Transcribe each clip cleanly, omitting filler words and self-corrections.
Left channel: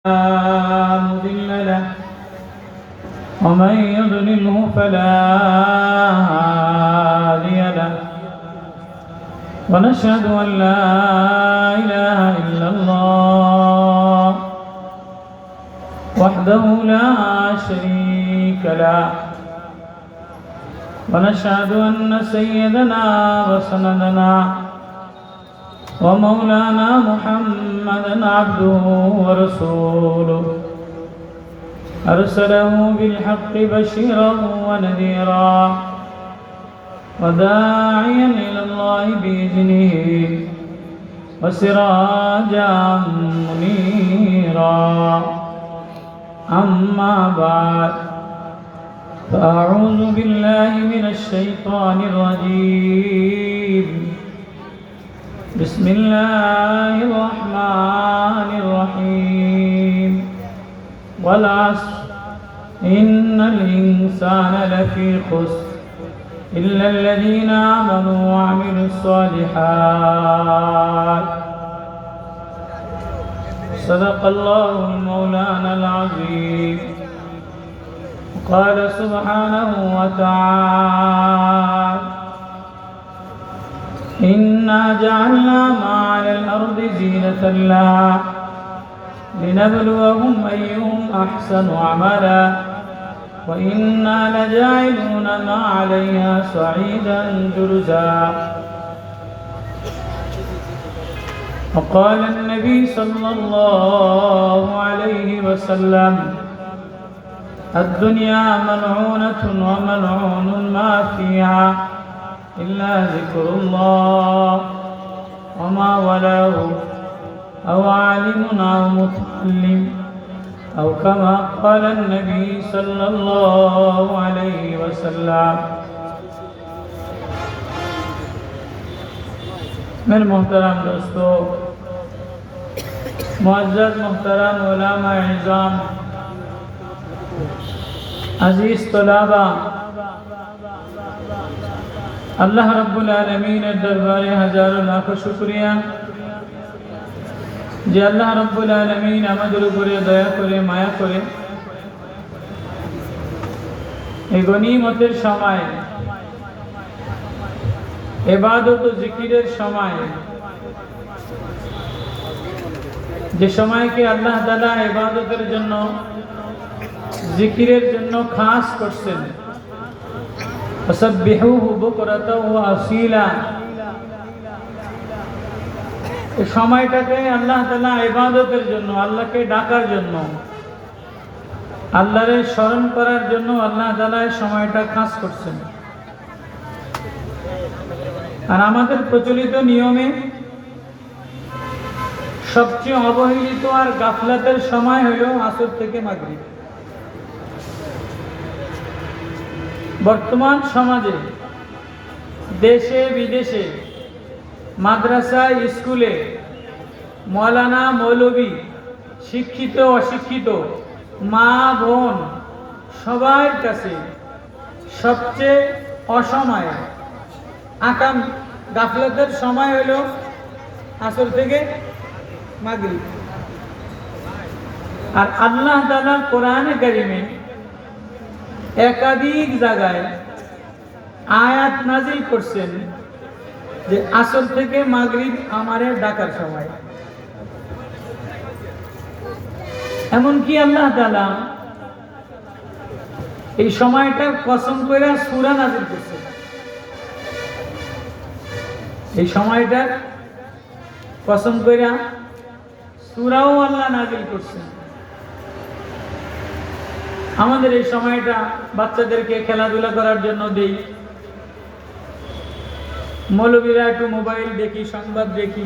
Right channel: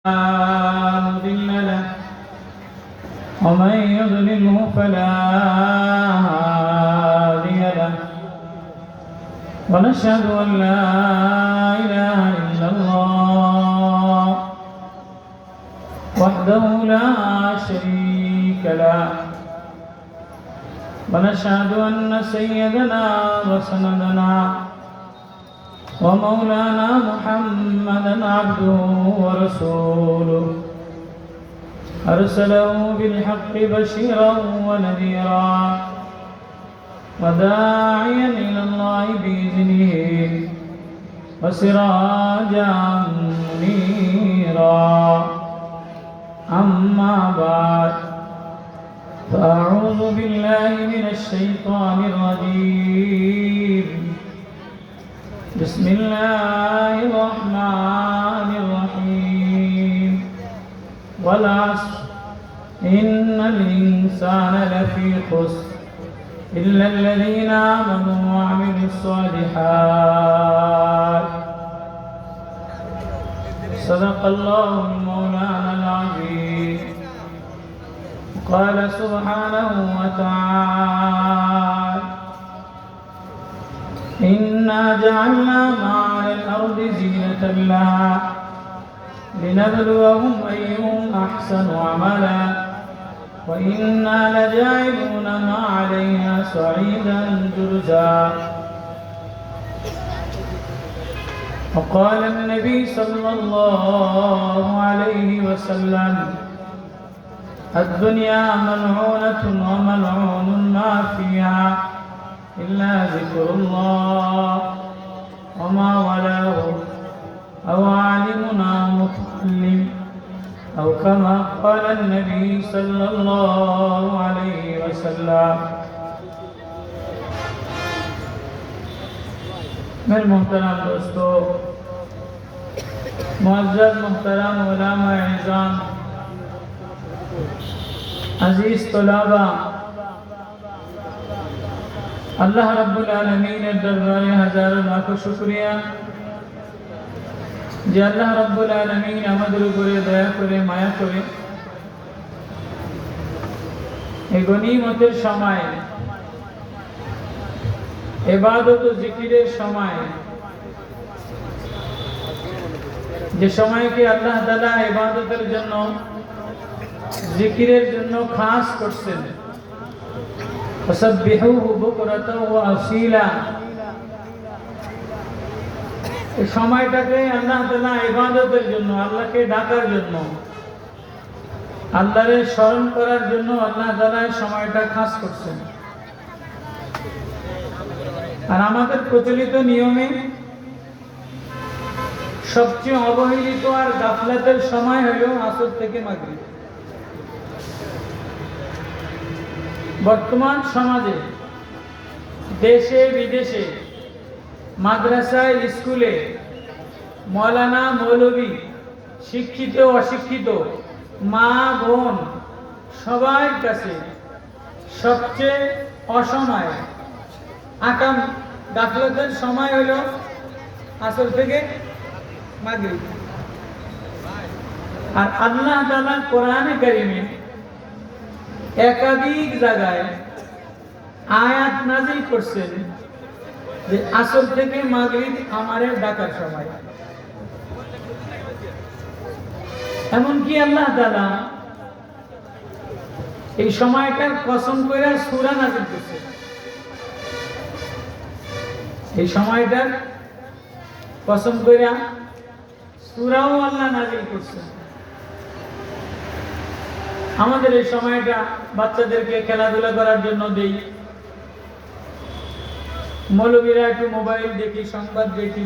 مضل له ومن يضلله فلا هادي له ونشهد أن لا إله إلا الله وحده لا شريك له ونشهد أن سيدنا وسندنا ومولانا محمدا عبده ورسوله أرسله بالحق بشيرا ونذيرا وداعيا إلى الله بإذنه وسراجا منيرا أما بعد فأعوذ بالله من الشيطان الرجيم بسم الله الرحمن الرحيم والعصر إن الإنسان لفي خسر إلا الذين آمنوا وعملوا الصالحات صدق الله مولانا العظيم قال سبحانه وتعالى إنا جعلنا ما على الأرض زينة لها لنبلوهم أيهم أحسن عملا وإنا لجاعلون ما عليها صعيدا جرزا وقال النبي صلى الله عليه وسلم الدنيا ملعونة وملعون ما فيها إلا ذكر الله وما ولاه أو عالم أو متعلم أو كما قال النبي صلى الله عليه وسلم मेरे मोहतरम दोस्तों मुअज़्ज़ज़ मोहतरम उलमा इज़ाम अज़ीज़ तलबा আল্লাহ রাব্বুল আলামিনের দরবারে হাজারো লাখো শুকরিয়া যে আল্লাহ রাব্বুল আলামিন আমাদের উপরে দয়া করে মায়া করে এই গনিমতের সময় ইবাদত ও জিকিরের সময় যে সময়কে আল্লাহ তাআলা ইবাদতের জন্য জিকিরের জন্য খাস করছেন فسبحوه بكرة وأصيلا এই সময়টাকে আল্লাহ তাআলা ইবাদতের জন্য আল্লাহকে ডাকার জন্য আল্লাহরে স্মরণ করার জন্য আল্লাহ তাআলা এই সময়টা খাস করছেন আর আমাদের প্রচলিত নিয়মে সবচেয়ে অবহেলিত আর গাফলাতের সময় হলো আসর থেকে মাগরিব বর্তমান সমাজে দেশে বিদেশে মাদ্রাসায় স্কুলে মৌলানা মৌলবী শিক্ষিত অশিক্ষিত মা বোন সবার কাছে সবচেয়ে অসময় আকাম গাফলতের সময় হলো আসর থেকে মাগরিব আর আল্লাহ তাআলা কোরআনে কারিমে একাধিক জায়গায় আয়াত নাজিল করছেন যে আসর থেকে মাগরিব আমারে ডাকার সময় এমনকি আল্লাহ তাআলা এই সময়টার কসম করে সূরা নাজিল করছেন এই সময়টার কসম করে সূরাও আল্লাহ নাজিল করছেন আমাদের এই সময়টা বাচ্চাদেরকে খেলাধুলা করার জন্য দেই মৌলবীরা একটু মোবাইল দেখি সংবাদ দেখি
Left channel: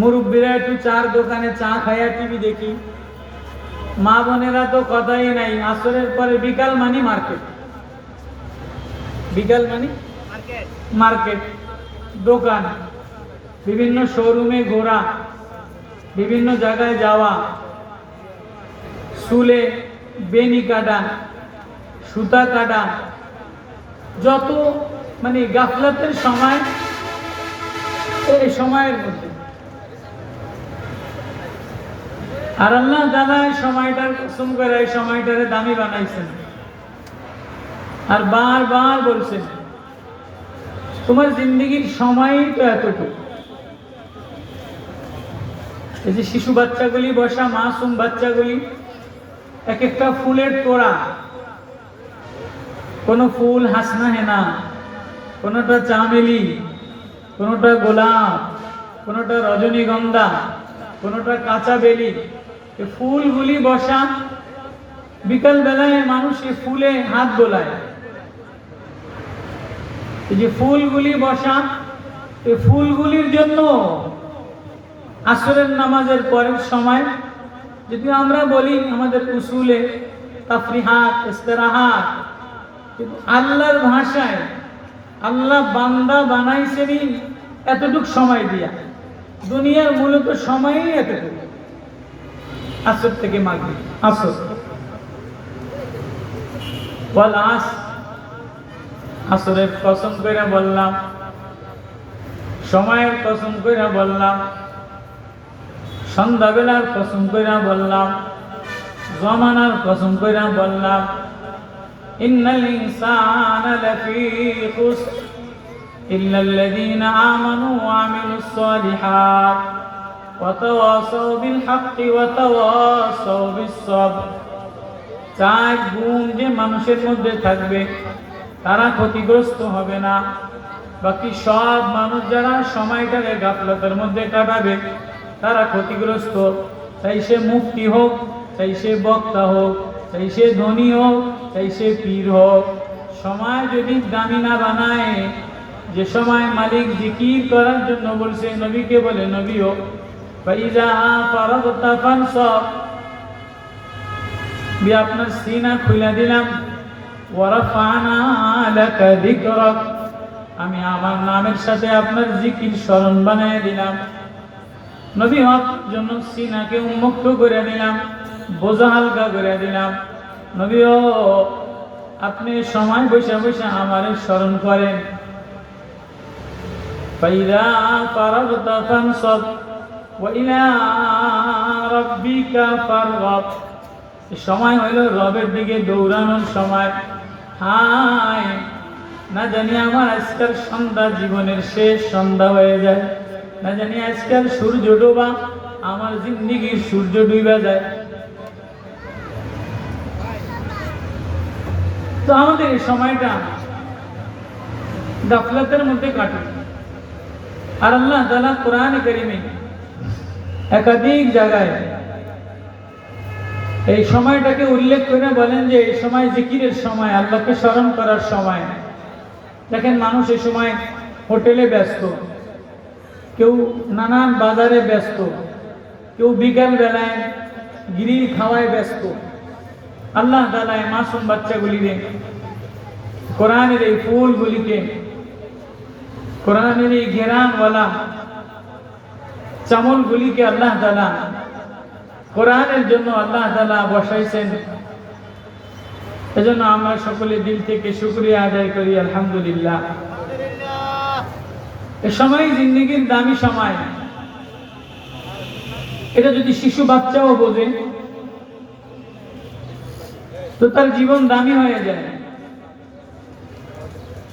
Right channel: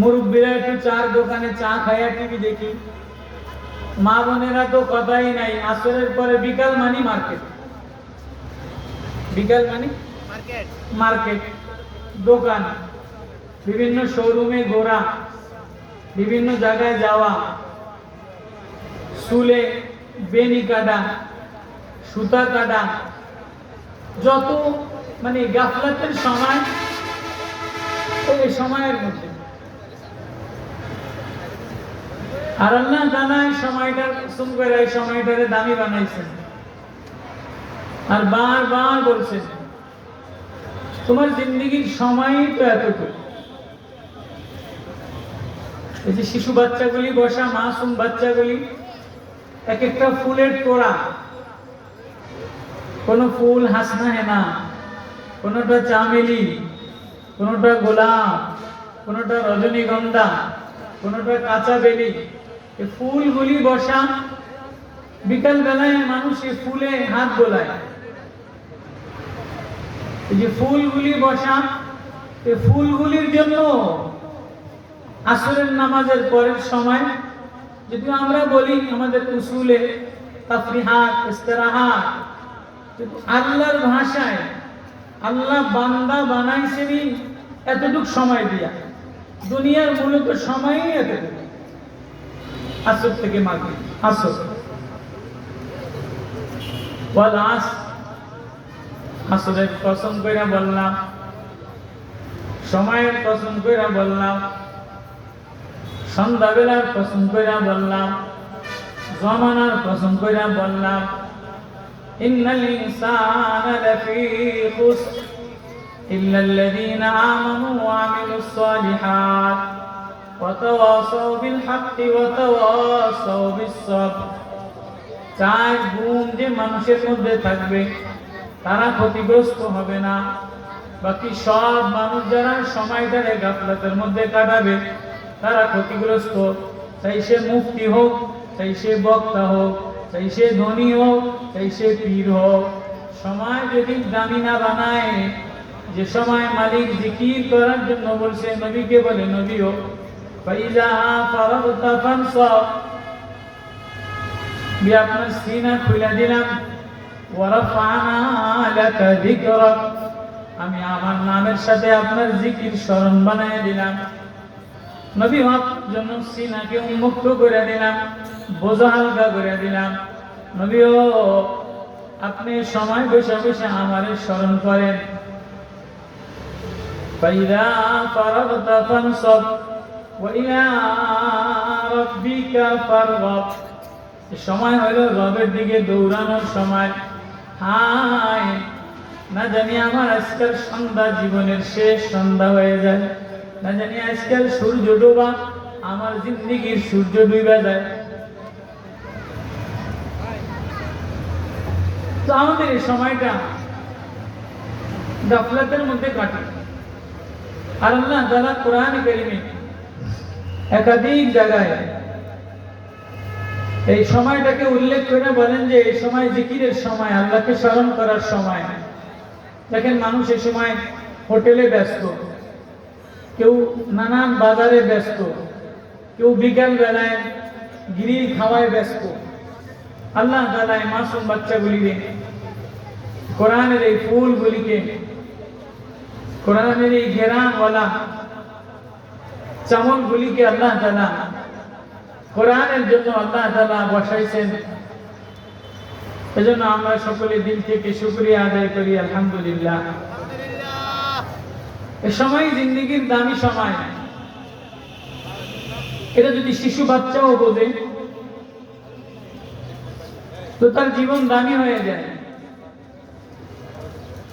মুরব্বীরা একটু চার দোকানে চা খায়া টিভি দেখি মা বোনেরা তো কথাই নাই আসরের পরে বিকাল মানি মার্কেট বিকাল মানি মার্কেট দোকান বিভিন্ন শোরুমে ঘোরা বিভিন্ন জায়গায় যাওয়া চুলে বেনি কাটা সুতা কাটা যত মানে গাফলাতের সময় এই সময়ের মধ্যে আর আল্লাহ তাআলা সময়টার কসম করে এই সময়টারে দামি বানাইছেন আর বারবার বলছেন তোমার জিন্দেগির সময় তো এতটুকু। এই যে শিশু বাচ্চাগুলি বসা, মাসুম বাচ্চাগুলি, এক একটা ফুলের তোড়া, কোন ফুল হাসনা হেনা, কোনটা চামেলি, কোনটা গোলাপ, কোনটা রজনীগন্ধা, কোনটা কাঁচা বেলি, এই ফুলগুলি বসা। বিকাল বেলায় মানুষ এই ফুলে হাত বোলায়। এই যে ফুলগুলি বসা, এই ফুলগুলির জন্য আসরের নামাজের পরের সময়, যদি আমরা বলি আমাদের উসুলে তাফরিহাত, ইস্তিরাহাত, কিন্তু আল্লাহর ভাষায় আল্লাহ বান্দা বানাইছেনই এতটুকু সময় দিয়া। দুনিয়ার মূলত সময়ই এতটুকু, আসর থেকে মাগরিব, আসর ওয়াল আসর। আসরের কসম কইরা বললাম, সময়ের কসম কইরা বললাম, সন্ধ্যাবেলার কসম কইরা বললাম, জমানার কসম কইরা বললাম। ইন্নাল ইনসানা লাফী খুসর ইল্লাল্লাযীনা আমানু ওয়া আমিলুস সালিহাত ওয়া তাওয়াসাউ বিল হাক্কি ওয়া তাওয়াসাউ বিস সবর। চাই গুণ যে মানুষের মধ্যে থাকবে তারা ক্ষতিগ্রস্ত হবে না। বাকি সব মানুষ যারা সময়টাকে গাফলতের মধ্যে কাটাবে তারা ক্ষতিগ্রস্ত। চাই সে মুফতি হোক, চাই সে বক্তা হোক, চাই সে ধনী হোক, চাই সে পীর হোক, সময় যদি দামি না বানায়, যে সময় মালিক জিকির করার জন্য বলছে, নবীকে বলে নবীও ফাইজা ফারাগতা ফানসাব, আপনার সিনা খুলে দিলাম, ওয়ারাফানা লাকা যিকরাক, আমি আমার নামের সাথে আপনার জিকির স্মরণ বানায় দিলাম। নবী হওয়ার জন্য সিনাকে উন্মুক্ত করে দিলাম, বোঝা হালকা করে দিলাম। নবীও আপনি সময় বসে বসে আমারে স্মরণ করেন। ফাইদা ফারাগতা ফানসাব ওয়া ইলা রাব্বিকা ফারগাব, সময় হলো রবের দিকে দৌড়ানোর সময়। হায়, না জানি আমার আজকাল সন্ধ্যা জীবনের শেষ সন্ধ্যা হয়ে যায়, না জানি আজকাল সূর্য ডোবা আমার জিন্দেগির সূর্য ডুবা যায়। তো আমাদের এই সময়টা গাফলাতের মধ্যে কাটে। আর আল্লাহ তাআলা কোরআন কারীমে একাধিক জায়গায় এই সময়টাকে উল্লেখ করে বলেন যে এই সময় জিকিরের সময়, আল্লাহকে স্মরণ করার সময়। দেখেন মানুষ এই সময় হোটেলে ব্যস্ত, কেউ নানান বাজারে ব্যস্ত, কেউ বিকাল বেলায় গ্রিল খাওয়ায় ব্যস্ত। আল্লাহ তাআলা এই মাসুম বাচ্চাগুলিকে, কোরআনের এই ফুলগুলিকে, কোরআনের এই ঘেরানওয়ালা চামলগুলিকে আল্লাহ তাআলা কোরআনের জন্য আল্লাহ তাআলা বসাইছেন। এজন্য আমরা সকলে দিল থেকে শুকরিয়া আদায় করি, আলহামদুলিল্লাহ। এই সময় জিন্দেগির দামি সময়, এটা যদি শিশু বাচ্চাও বোঝে তো তার জীবন দামি হয়ে যায়।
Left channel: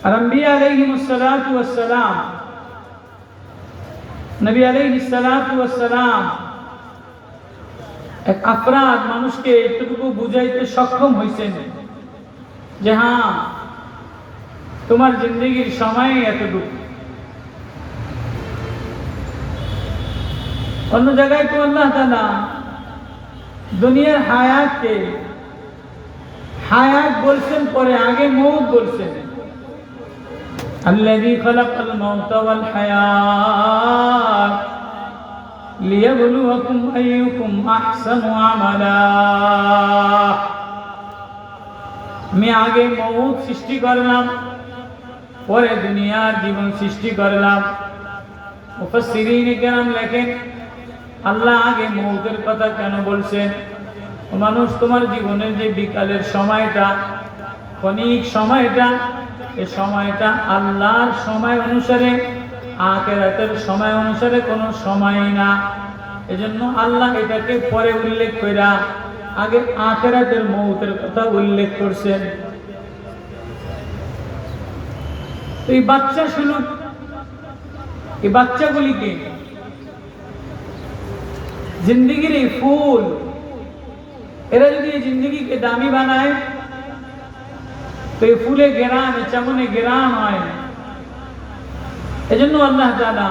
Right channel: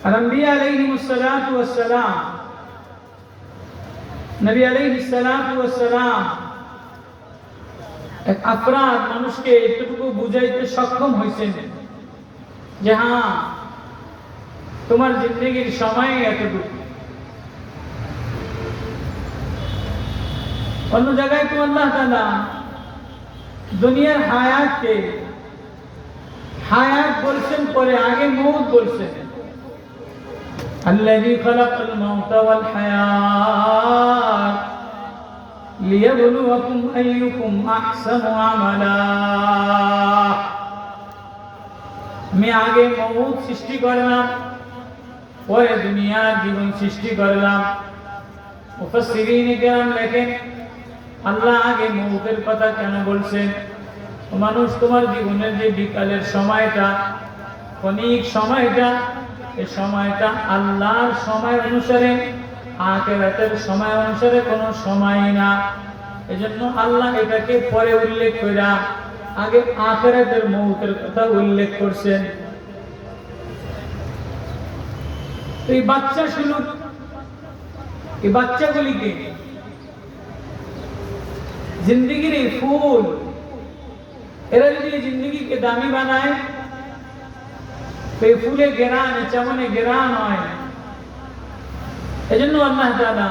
আর আম্বিয়া আলাইহিমুস সালাতু ওয়াস সালাম, নবী আলাইহিস সালাতু ওয়াস সালাম এক আফরাদ মানুষকে এতটুকু বুঝাইতে সক্ষম হয়েছেন যে হ্যাঁ, তোমার জিন্দেগির সময় এতটুকু। অন্য জায়গায় তো আল্লাহ তাআলা দুনিয়ার হায়াতকে হায়াত বলছেন, পরে আগে মৌত বলছেন। আল্লাযী খালাকাল মাউতা ওয়াল হায়াত লিয়াবলুয়াকুম আইয়ুকুম আহসানু আমালা। আমি আগে মৌত সৃষ্টি করলাম, পরে দুনিয়ার জীবন সৃষ্টি করলাম। মুফাসসিরিনে কেরাম লেখেন আল্লাহ আগে মৌতের কথা কেন বলছেন? মানুষ, তোমার জীবনের যে বিকালের সময়টা, ক্ষণিক সময়টা, এই সময়টা আল্লাহর সময় অনুসারে, আখিরাতের সময় অনুসারে কোনো সময় না। এজন্য আল্লাহ এটাকে পরে উল্লেখ কইরা আগে আখিরাতের মউতের কথা উল্লেখ করছেন। এই বাচ্চা শুনুক, এই বাচ্চাগুলিকে জিন্দেগির এই ফুল, এরা যদি এই জিন্দেগিকে দামি বানায় তো এই ফুলে গেরান, চামনে গেরান হয়। এজন্য আল্লাহ তাআলা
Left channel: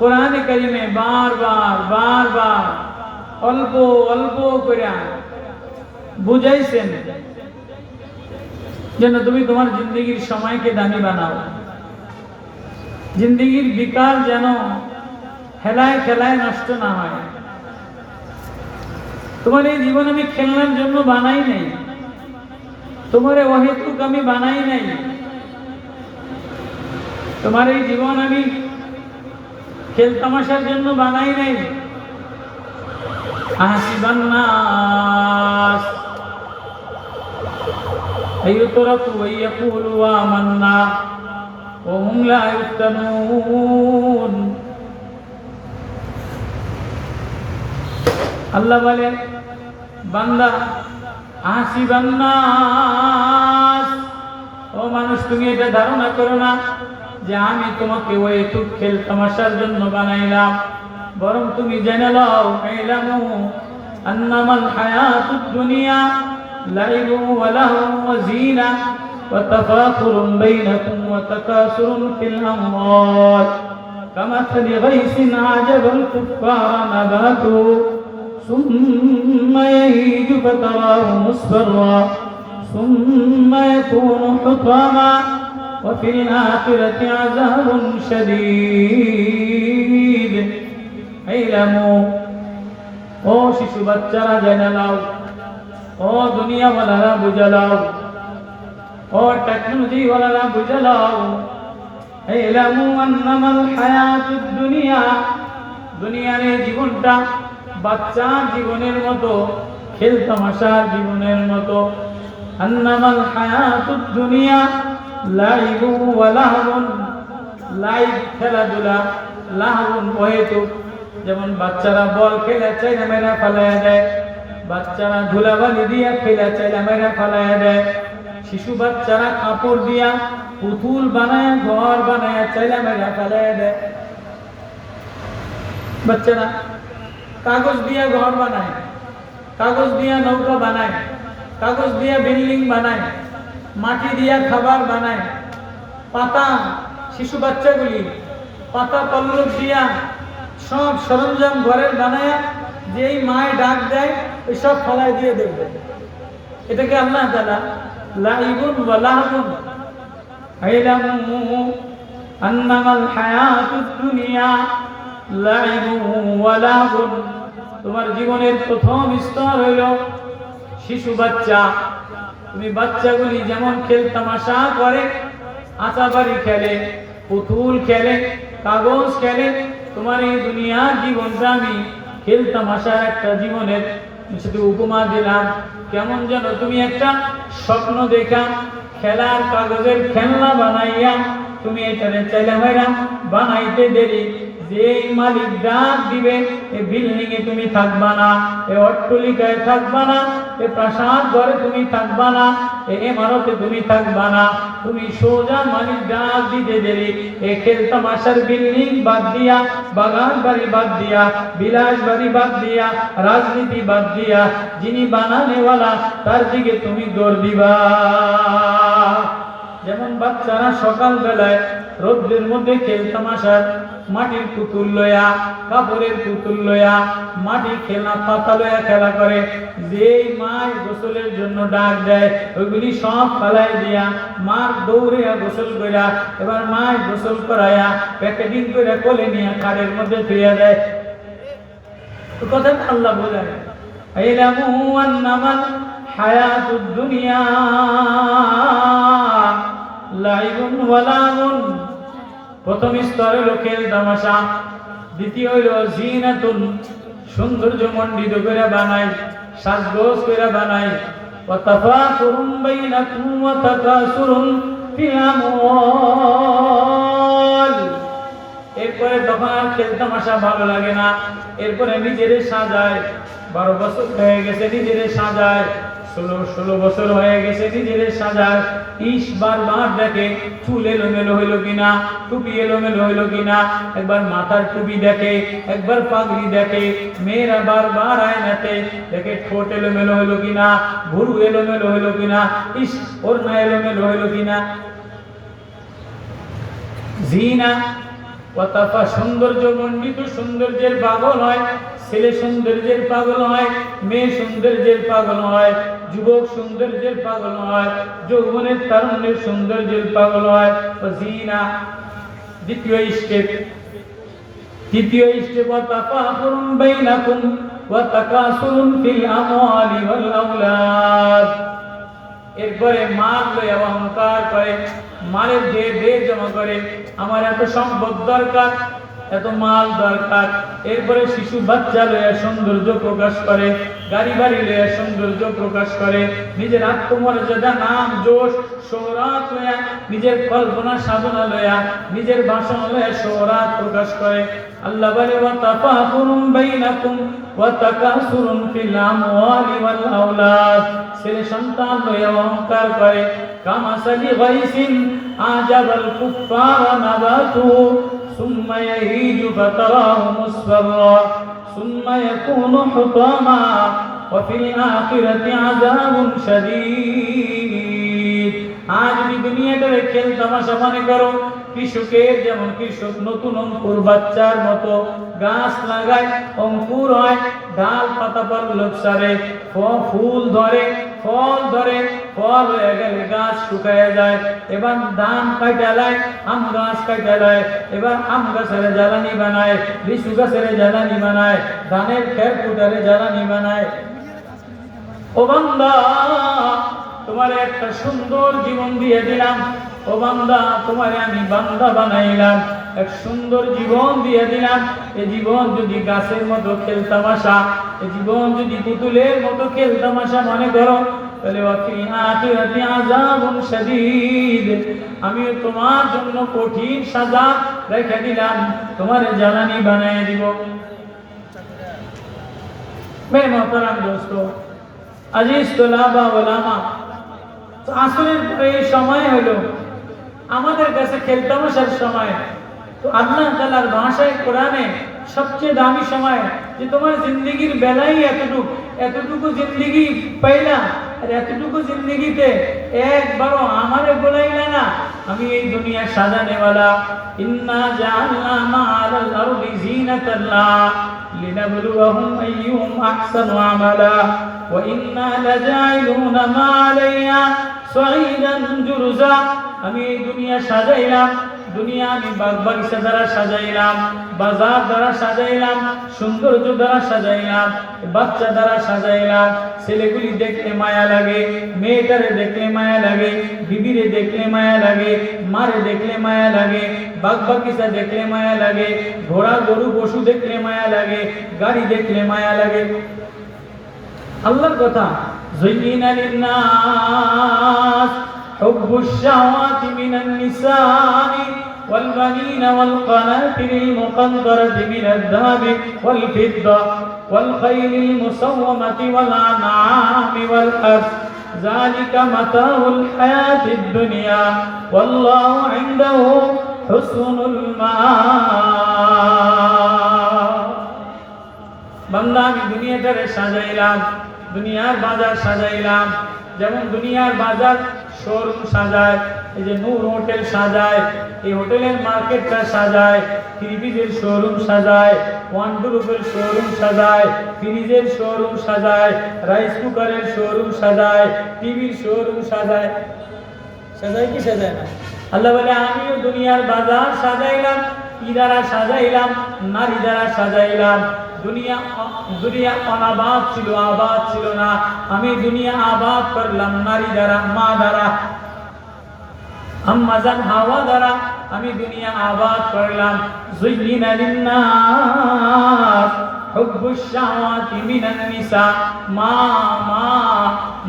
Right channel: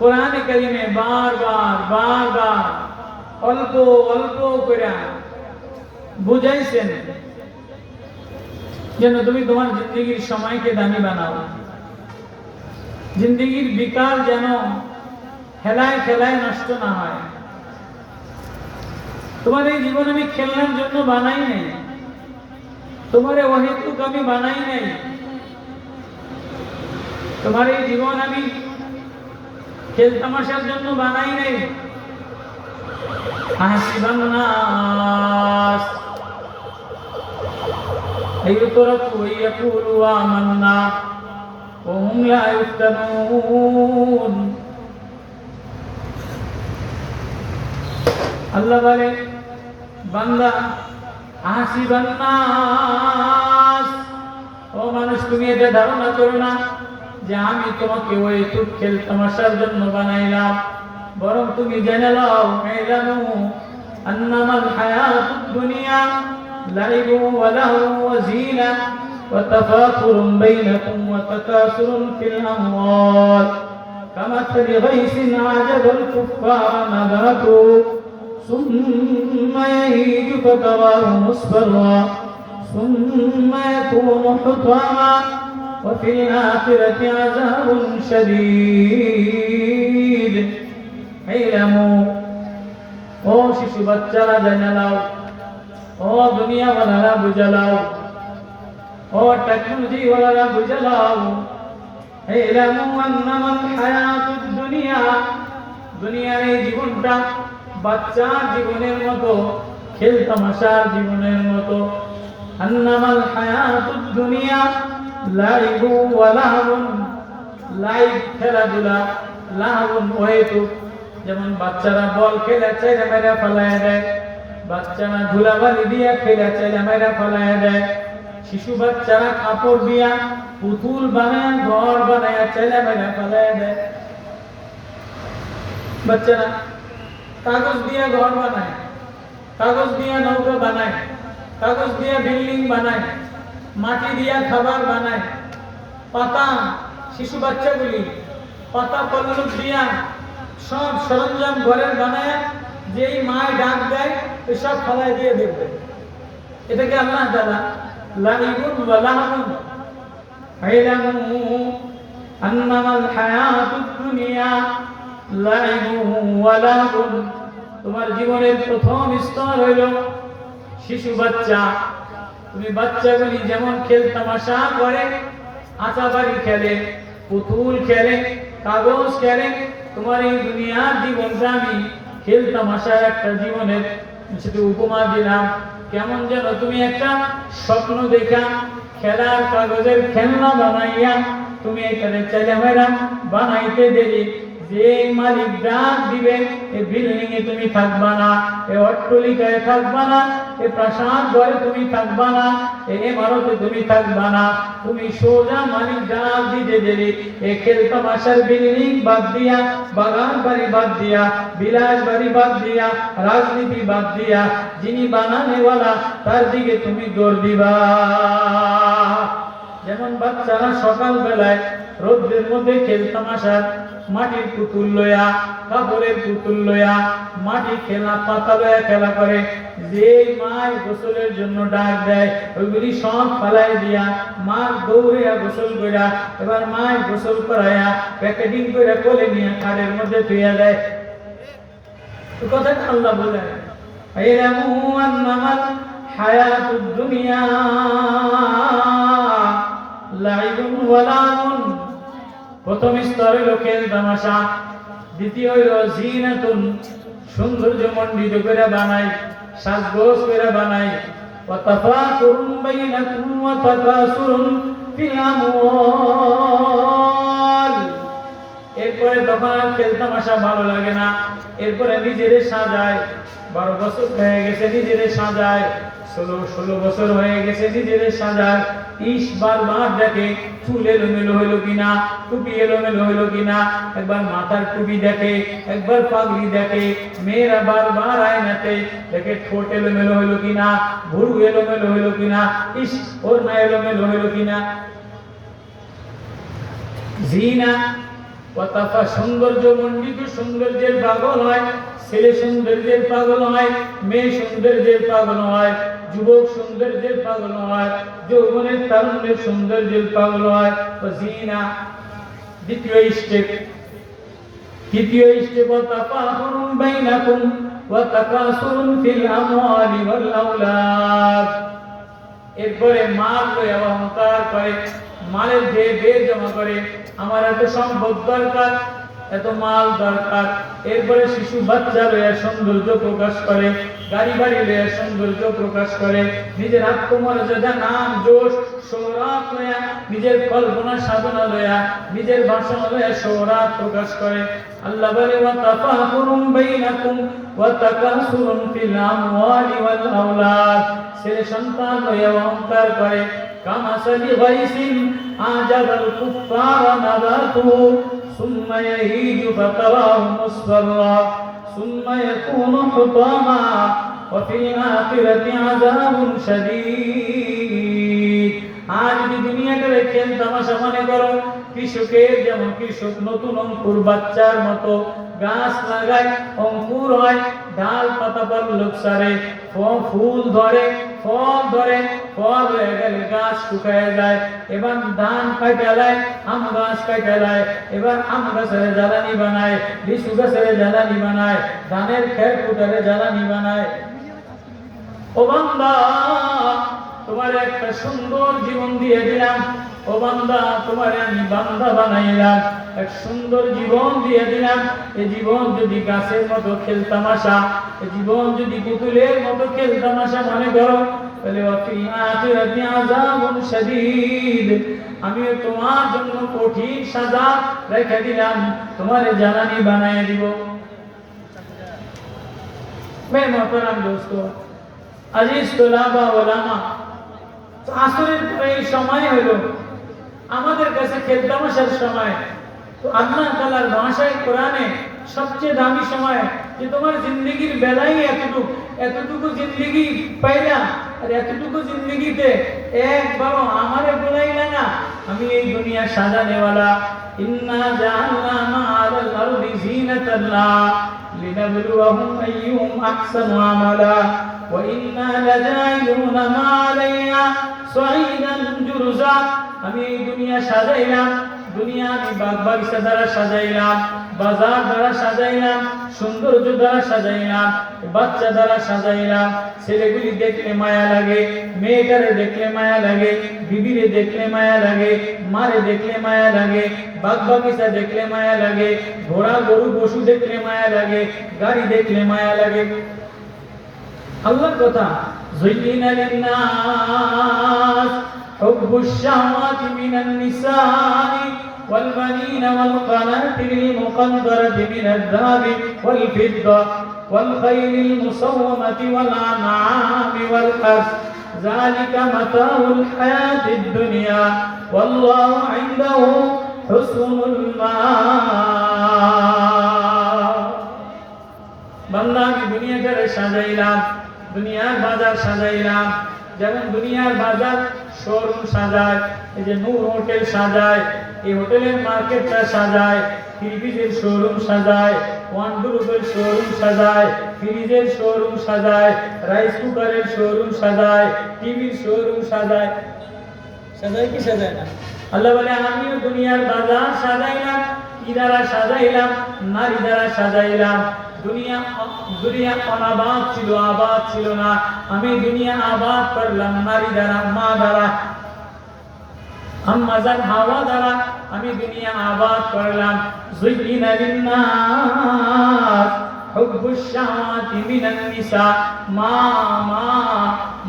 কোরআনে কারিমে বারবার অল্প অল্প করে বুঝাইছেন যেন তুমি তোমার জিন্দেগির সময়কে দামি বানাও। জিন্দেগির বিকাল যেন হেলায় খেলায় নষ্ট না হয়। তোমার এই জীবন আমি খেলনার জন্য বানাই নাই, তোমার অহেতুক আমি বানাই নাই। তোমার এই জীবন আমি খেল তামাশার জন্য বানাই নাই। আহসিবান নাস আইয়ুতরাকু ওয়ায়াকুলু আমান্না ওয়া হুম লা ইফতানুন। আল্লাহ বলে, বান্দা আহসিবান নাস, ও মানুষ তুমি এটা ধারণা করো না যে আমি তোমাকে ওই টুক খেল তামাশার জন্য বানাইলাম, বরং তুমি জেনে লও ইলামু আন্নামাল হায়াতুদ দুনিয়া লাইবুন ওয়া লাহুন ওয়া জিনা ওয়া তাফাকুরুন বাইনাকুম ওয়া তাকাসুরুন ফিল আমওয়াল কামাথালি গাইসিন আজাবাল কুফফারা নাবাতু সুম্মা ইয়াহিজু ফাতারাহু মুসফাররা সুম্মা ইয়াকুনু হুতামা وفي الآخرة عذاب شديد اعلموا ও শিশু বাচ্চারা জেনে নাও, ও দুনিয়া ওয়ালারা বুঝে নাও, ও টেকনোলজি ওয়ালারা বুঝে নাও, ইলামু আন্নামাল হায়াতুদ দুনিয়া, দুনিয়ার এই জীবনটা বাচ্চার জীবনের মতো, খেল তামাশার জীবনের মতো। আন্নামাল হায়াতুদ দুনিয়া লাইবু ওয়া লাহবুন, লাইব খেলাধুলা, লাহবুন ওয়াইতু, যেমন বাচ্চারা বল খেলে চাইলে মেরে ফেলাইয়া দেয়, বাচ্চারা ধুলাবালি দিয়া খেলে চাইলে মেরে ফেলাইয়া দেয়, শিশু বাচ্চারা কাপড় দিয়া পুতুল বানায় ঘর বানায় চাইলে মেরে ফেলাইয়া দেয়, বাচ্চারা কাগজ দিয়া ঘর বানায়, কাগজ দিয়া নৌকা বানায়, কাগজ দিয়া বিল্ডিং বানায়, মাটি দিয়া খাবার বানায়, পাতা, শিশু বাচ্চাগুলি পাতা পল্লব দিয়া সব সরঞ্জাম ঘরের বানায়, যেই মায় ডাক দেয় ওই সব ফলাই দিয়ে দেখবে। এটাকে আল্লাহ তাআলা লাইবুন ওয়া লাহবুন ইলামু আন্নামাল হায়াতুদ দুনিয়া লাইবুন ওয়া লাহবুন। তোমার জীবনের প্রথম স্তর হইল শিশু বাচ্চা। তুমি বাচ্চাগুলি যেমন খেল তামাশা করে, আচাবাড়ি খেলে, পুতুল খেলে, কাগজ খেলে, তোমার এই দুনিয়ার জীবনটা আমি খেল তামাশার একটা জীবনের শুধু উপমা দিলাম। কেমন যেন তুমি একটা স্বপ্ন দেখা খেলার কাগজের খেলনা বানাইয়া তুমি এটারে চাইলে মেয়েরা বানাইতে দেরি, যে মালিক ডাক দিবে এই বিল্ডিং এ তুমি থাকবা না, এই অট্টালিকায় থাকবা না, এই প্রাসাদ ঘরে তুমি থাকবা না, এই ইমারতে তুমি থাকবা না, তুমি সোজা মালিক ডাক দিতে দেরি এই খেল তামাশার বিল্ডিং বাদ দিয়া, বাগান বাড়ি বাদ দিয়া, বিলাস বাড়ি বাদ দিয়া, রাজনীতি বাদ দিয়া, যিনি বানানেওয়ালা তার দিকে তুমি দৌড় দিবা। যেমন বাচ্চারা সকাল বেলায় রোদ্রের মধ্যে খেল তামাশার মাটির পুতুল লয়া, কাপড়ের পুতুল লয়া, মাটির খেলনা পাতা লয়া খেলা করে, যে মায় গোসলের জন্য ডাক দেয় ওইগুলি সব ফালাই দিয়া মার দৌড়ে গোসল কইরা, এবার মায় গোসল করাইয়া প্যাকেটিং করে কোলে নিয়ে খাড়ের মধ্যে থুইয়া দেয়। কথা আল্লাহ বলে, ইলামু আন্নামাল হায়াতুদ দুনিয়া লাইবুন ওয়া লাহবুন। প্রথম স্তরে খেল তামাশা, দ্বিতীয় হইল জিনাতুন, সৌন্দর্য মণ্ডিত করে বানায়, সাজগোজ করে বানায়, ওয়া তাফাকুরুন বাইনাকুম ওয়া তাকাসুরুন ফিল আমওয়াল। এরপরে তখন আর খেলতামাশা ভালো লাগে না, এরপরে নিজেরে সাজায়। 12 বছর হয়ে গেছে নিজেরে সাজায়, 16 বছর হয়ে গেছে নিজেরে সাজায়। বারবার দেখে চুল এলোমেলো হইলো কিনা, টুপি এলোমেলো হইলো কিনা, একবার মাথার টুপি দেখে, একবার পাগড়ি দেখে। মেয়েরা বারবার আয়নাতে দেখে ঠোঁট এলোমেলো হইলো কিনা, ভুরু এলোমেলো হইলো কিনা, ওড়না এলোমেলো হইলো কিনা। জিনা ওয়াতাফা, সৌন্দর্য মণ্ডিত সৌন্দর্যের পাগল হয়, ছেলে সৌন্দর্যের পাগল হয়, মেয়ে সৌন্দর্যের পাগল হয়, যুবক সৌন্দর্যের পাগল হয়, যৌবনের তারুণ্যের সৌন্দর্যের পাগল হয়। জিনা দ্বিতীয় স্টেপ ওয়াতাফাখুরুন বাইনাকুম ওয়া তাকাসুরুন ফিল আমওয়ালি ওয়াল আওলাদ। এরপরে মাল লয়ে অহংকার করে, মালের দে জমা করে, আমার এত সম্পদ দরকার, এত মাল দরকার। এরপরে শিশু বাচ্চা লয়ে সৌন্দর্য প্রকাশ করে, গাড়ি বাড়ি লয়ে সৌন্দর্য প্রকাশ করে, নিজের আত্মমর্যাদা, নাম, যশ, শোহরাত লয়া, নিজের কল্পনা সাধনা লয়া, নিজের ভাষণ লয়া শোহরাত প্রকাশ করে। আল্লাহ বলে ওয়াতাফাখুরুন বাইনাকুম ওয়া তাকাসুরুন ফিল আমওয়ালি ওয়াল আওলাদ। ছেলে সন্তান লয়া অহংকার করে। কামাসালি গাইসিন আজাবাল কুফারা নাবাতুহু সুম্মা ইয়াহিজু ফাতারাহু মুসফাররা সুম্মা ইয়াকুনু হুতামা ওয়া ফিল আখিরাতি আযাবুন শাদীদ। আজ দুনিয়াটারে খেল তামাশা মনে করো। কৃষকের যেমন কৃষক নতুন অঙ্কুর বাচ্চার মতো গাছ লাগায়, অঙ্কুর হয়, ডাল পাতা পল্লব সারে, ফুল ধরে, ফল ধরে, ফল হয়ে গেলে গাছ শুকায় যায়। এবার ধান কাটা যায়, আম গাছ কাটা যায়, এবার আম গাছের জ্বালানি বানায়, লিচু গাছের জ্বালানি বানায়, ধানের খের কুটারে জ্বালানি বানায়। ও বান্দা, তোমার একটা সুন্দর জীবন দিয়ে দিলাম। ও বান্দা, তোমারে আমি বান্দা বানাইলাম, এক সুন্দর জীবন দিয়ে দিলাম। এই জীবন যদি গাছের মতো খেলতামাশা, এই জীবন যদি পুতুলের মতো খেলতামাশা মনে করো, তাহলে ওয়াফিল আখিরাতি আযাবুন শাদীদ, আমিও তোমার জন্য কঠিন সাজা রেখে দিলাম, তোমারে জ্বালানি বানায় দিব। মেরে মোহতারাম দোস্ত, আজিজ তোলাবা ওলামা, তো আসরের এই সময় হলো আমাদের কাছে খেলতামাশার সময়। তো আল্লাহ তাআলার ভাষায় কোরআনে সবচেয়ে দামি সময়, যে তোমার জিন্দগির বেলায় এতটুকু জিন্দগি পাইলা, আর এতটুকু জিন্দগিতে একবারও আমারে বলাইলা না আমি এই দুনিয়া সাজানেওয়ালা। ইন্না জাআলনা মা'আল আরদি জিনাতাল্লাহ লিনাবলুয়াহুম আইয়ুহুম আহসানু আমালা ওয়া ইন্না লাজাইলুনা মা আলাইহা সাঈদান জুরজা। আমি এই দুনিয়া সাজাইলাম, দুনিয়া আমি বাগ বাগিচা দ্বারা সাজাইলাম, বাজার দ্বারা সাজাইলাম, সৌন্দর্য দ্বারা সাজাইলাম, বাচ্চা দ্বারা সাজাইলাম। ছেলেগুলি দেখলে মায়া লাগে, মেয়েটারে দেখলে মায়া লাগে, বিবিরে দেখলে মায়া লাগে, মারে দেখলে মায়া লাগে, বাগ বাগিচা দেখলে মায়া লাগে, ঘোড়া গরু পশু দেখলে মায়া লাগে, গাড়ি দেখলে মায়া লাগে। আল্লাহর কথা, যুয়িনা লিন-নাস হুব্বুশ শাহাওয়াতি মিনান নিসাই ওয়াল বানিনা ওয়াল কানাতিরিল মুকানতারাতি মিনাদ যাহাবি ওয়াল ফিদ্দা ওয়াল খাইলিল মুসাওওয়ামাতি ওয়াল আনআমি ওয়াল হারস যালিকা মাতাউল হায়াতিদ দুনিয়া ওয়াল্লাহু ইনদাহু হুসনুল মাআব। বান্দা, আমি দুনিয়াটারে সাজাইলাম, দুনিয়ার বাজার সাজাইলাম। যেমন দুনিয়ার বাজার শোরুম সাজায়, এই যে নূর হোটেল সাজায়, এই হোটেলের মার্কেটটা সাজায়, ফ্রিজের শোরুম সাজায়, ওয়ানড্রোবের শোরুম সাজায়, ফ্রিজের শোরুম সাজায়, রাইস কুকারের শোরুম সাজায়, টিভির শোরুম সাজায়। সাজায় কি সাজায় না? আল্লাহ বলে আমিও দুনিয়ার বাজার সাজাইলাম। কি দ্বারা সাজাইলাম? নারী দ্বারা সাজাইলাম। দুনিয়া অনাবাদ ছিল, আবাদ ছিল না। আমি দুনিয়া আবাদ করলাম নারী দ্বারা, মা দ্বারা, আম্মা জান হাওয়া দ্বারা আমি দুনিয়া আবাদ করলাম। যুয়িনা লিন-নাস, হুব্বুশ শাহাওয়াতি মিনান নিসা। মা মা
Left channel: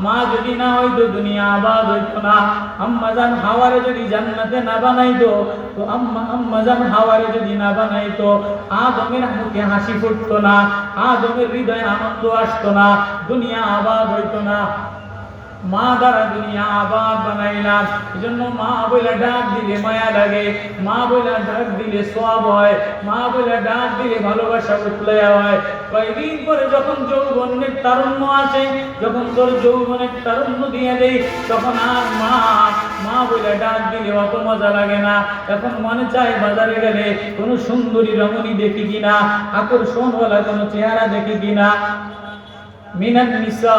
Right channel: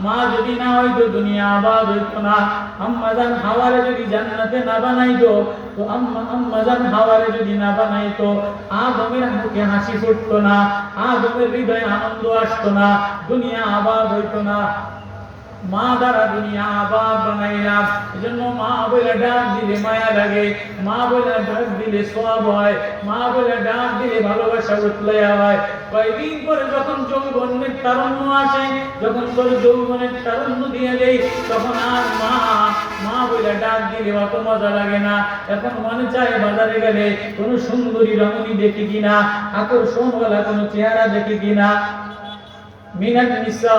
মা যদি না হইতো দুনিয়া আবাদ হইতো না। আম্মাজান হাওয়ারে যদি জান্নাতে না বানাইতো, তো আম্মাজান হাওয়ারে যদি না বানাইতো, আদমের মুখে হাসি ফুটতো না, আদমের হৃদয়ে আনন্দ আসতো না, দুনিয়া আবাদ হইতো না। মা দ্বারা দুনিয়া আবাদ বানাইলাম। এজন্য মা বলে ডাক দিলে মায়া লাগে, মা বলে ডাক দিলে সওয়াব হয়, মা বলে ডাক দিলে ভালোবাসা উতলায় হয়। কয়েকদিন পরে যখন যৌবনের তারুণ্য আসে, যখন তোর যৌবনের তারুণ্য দিয়ে দেয়, তখন আর মা মা বলে ডাক দিলে অত মজা লাগে না। এখন মনে চায় বাজারে গেলে কোনো সুন্দরী রমণী দেখি কিনা, আকর্ষণওয়ালা কোনো চেহারা দেখি কিনা। মিনান নিসা,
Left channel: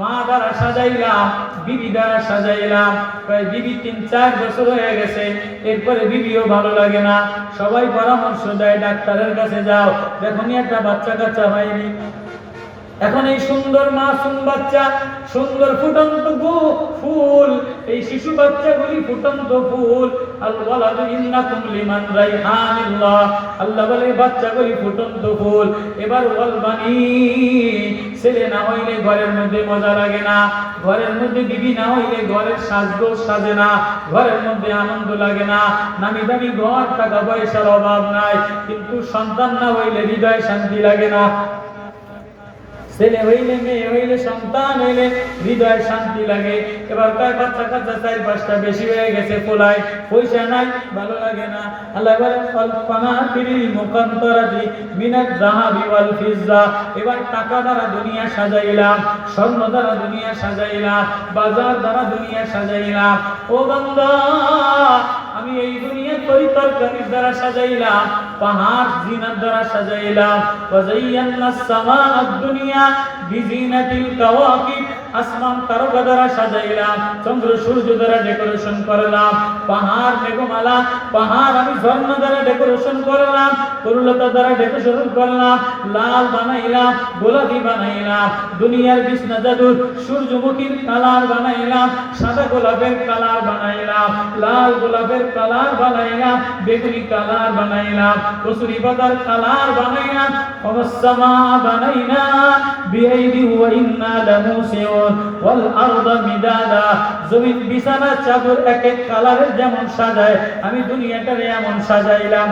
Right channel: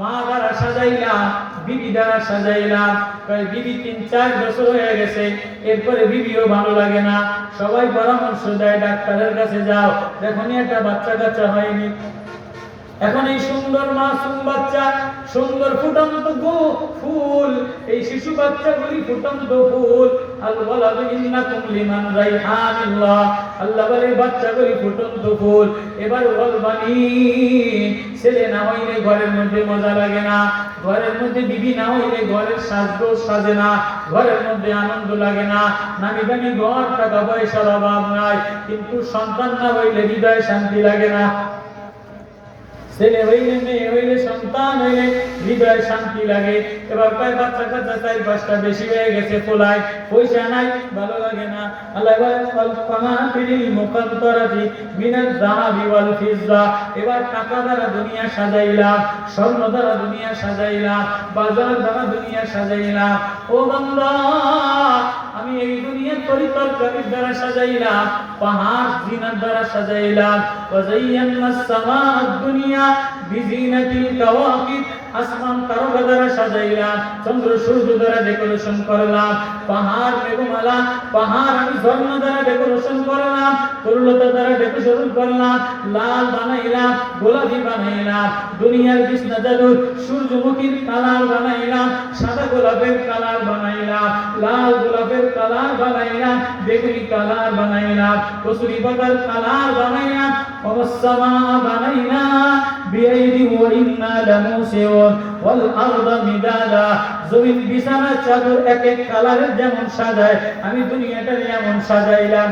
মা দ্বারা সাজাইলাম, বিবি দ্বারা সাজাইলাম। প্রায় বিবি 3-4 বছর হয়ে গেছে, এরপরে বিবিও ভালো লাগে না। সবাই পরামর্শ দেয় ডাক্তারের কাছে যাও, দেখুন একটা বাচ্চা কাচ্চা হয়নি। এখন এই সুন্দর মাসুম বাচ্চা, সুন্দর ফুটন্ত ফুল, এই শিশু বাচ্চাগুলি ফুটন্ত ফুল। আল ওয়ালাদু ইন্নাকুম লিমান রাইহানিল্লাহ, আল্লাহ বলে বাচ্চাগুলি ফুটন্ত ফুল। এবার ওয়াল বানিন, ছেলে না হইলে ঘরের মধ্যে মজা লাগে না, ঘরের মধ্যে বিবি না হইলে ঘরের সাজগোজ সাজে না, ঘরের মধ্যে আনন্দ লাগে না। নামি দামি ঘর, টাকা পয়সার অভাব নাই, কিন্তু সন্তান না হইলে হৃদয়ে শান্তি লাগে না। ছেলে হইলে, মেয়ে হইলে, সন্তান হইলে হৃদয়ে শান্তি লাগে। এবার কয় বাচ্চা কাচ্চা 4-5টা বেশি হয়ে গেছে, পোলায় পয়সা নাই, ভালো লাগে না। আল্লাহ বলেন ফানাতিরিল মুকান্তারাতি মিনাজ যাহাবি ওয়াল ফিজ্জা। এবার টাকা দ্বারা দুনিয়া সাজাইলাম, স্বর্ণ দ্বারা দুনিয়া সাজাইলাম, বাজার দ্বারা দুনিয়া সাজাইলাম। ও বান্দা, আমি এই দুনিয়া তরিতরকারির দ্বারা সাজাইলাম, পাহাড় জিনাত দ্বারা সাজাইলাম। ওয়াজাইয়ান্নাস সামাআদ দুনিয়া বিজিনাতিল কাওয়াকিব, আসমান তারকা দ্বারা সাজাইলাম, চন্দ্র সূর্য দ্বারা ডেকোরেশন করলাম। পাহাড় মেঘমালা, পাহাড় আমি ঝর্ণা দ্বারা ডেকোরেশন করলাম, তরুলতা দ্বারা ডেকোরেশন করলাম, লাল বানাইলাম, গোলাপি বানাইলাম। দুনিয়ার বিছনা চাদর সূর্যমুখীর কালার বানাইলাম, সাদা গোলাপের কালার বানাইলাম, লাল গোলাপের কালার বানাইলাম, বেগুনি কালার বানাইলাম, কসুরি পাতার কালার বানাইলাম। ওয়াসসামা বানাইনা বিআইদি ওয়া ইন্না লামুসিউন ওয়াল আরদা মিদাদা। জমিন বিছানা চাদর এক এক কালারের যেমন সাজায়, আমি দুনিয়াটারে এমন সাজাইলাম।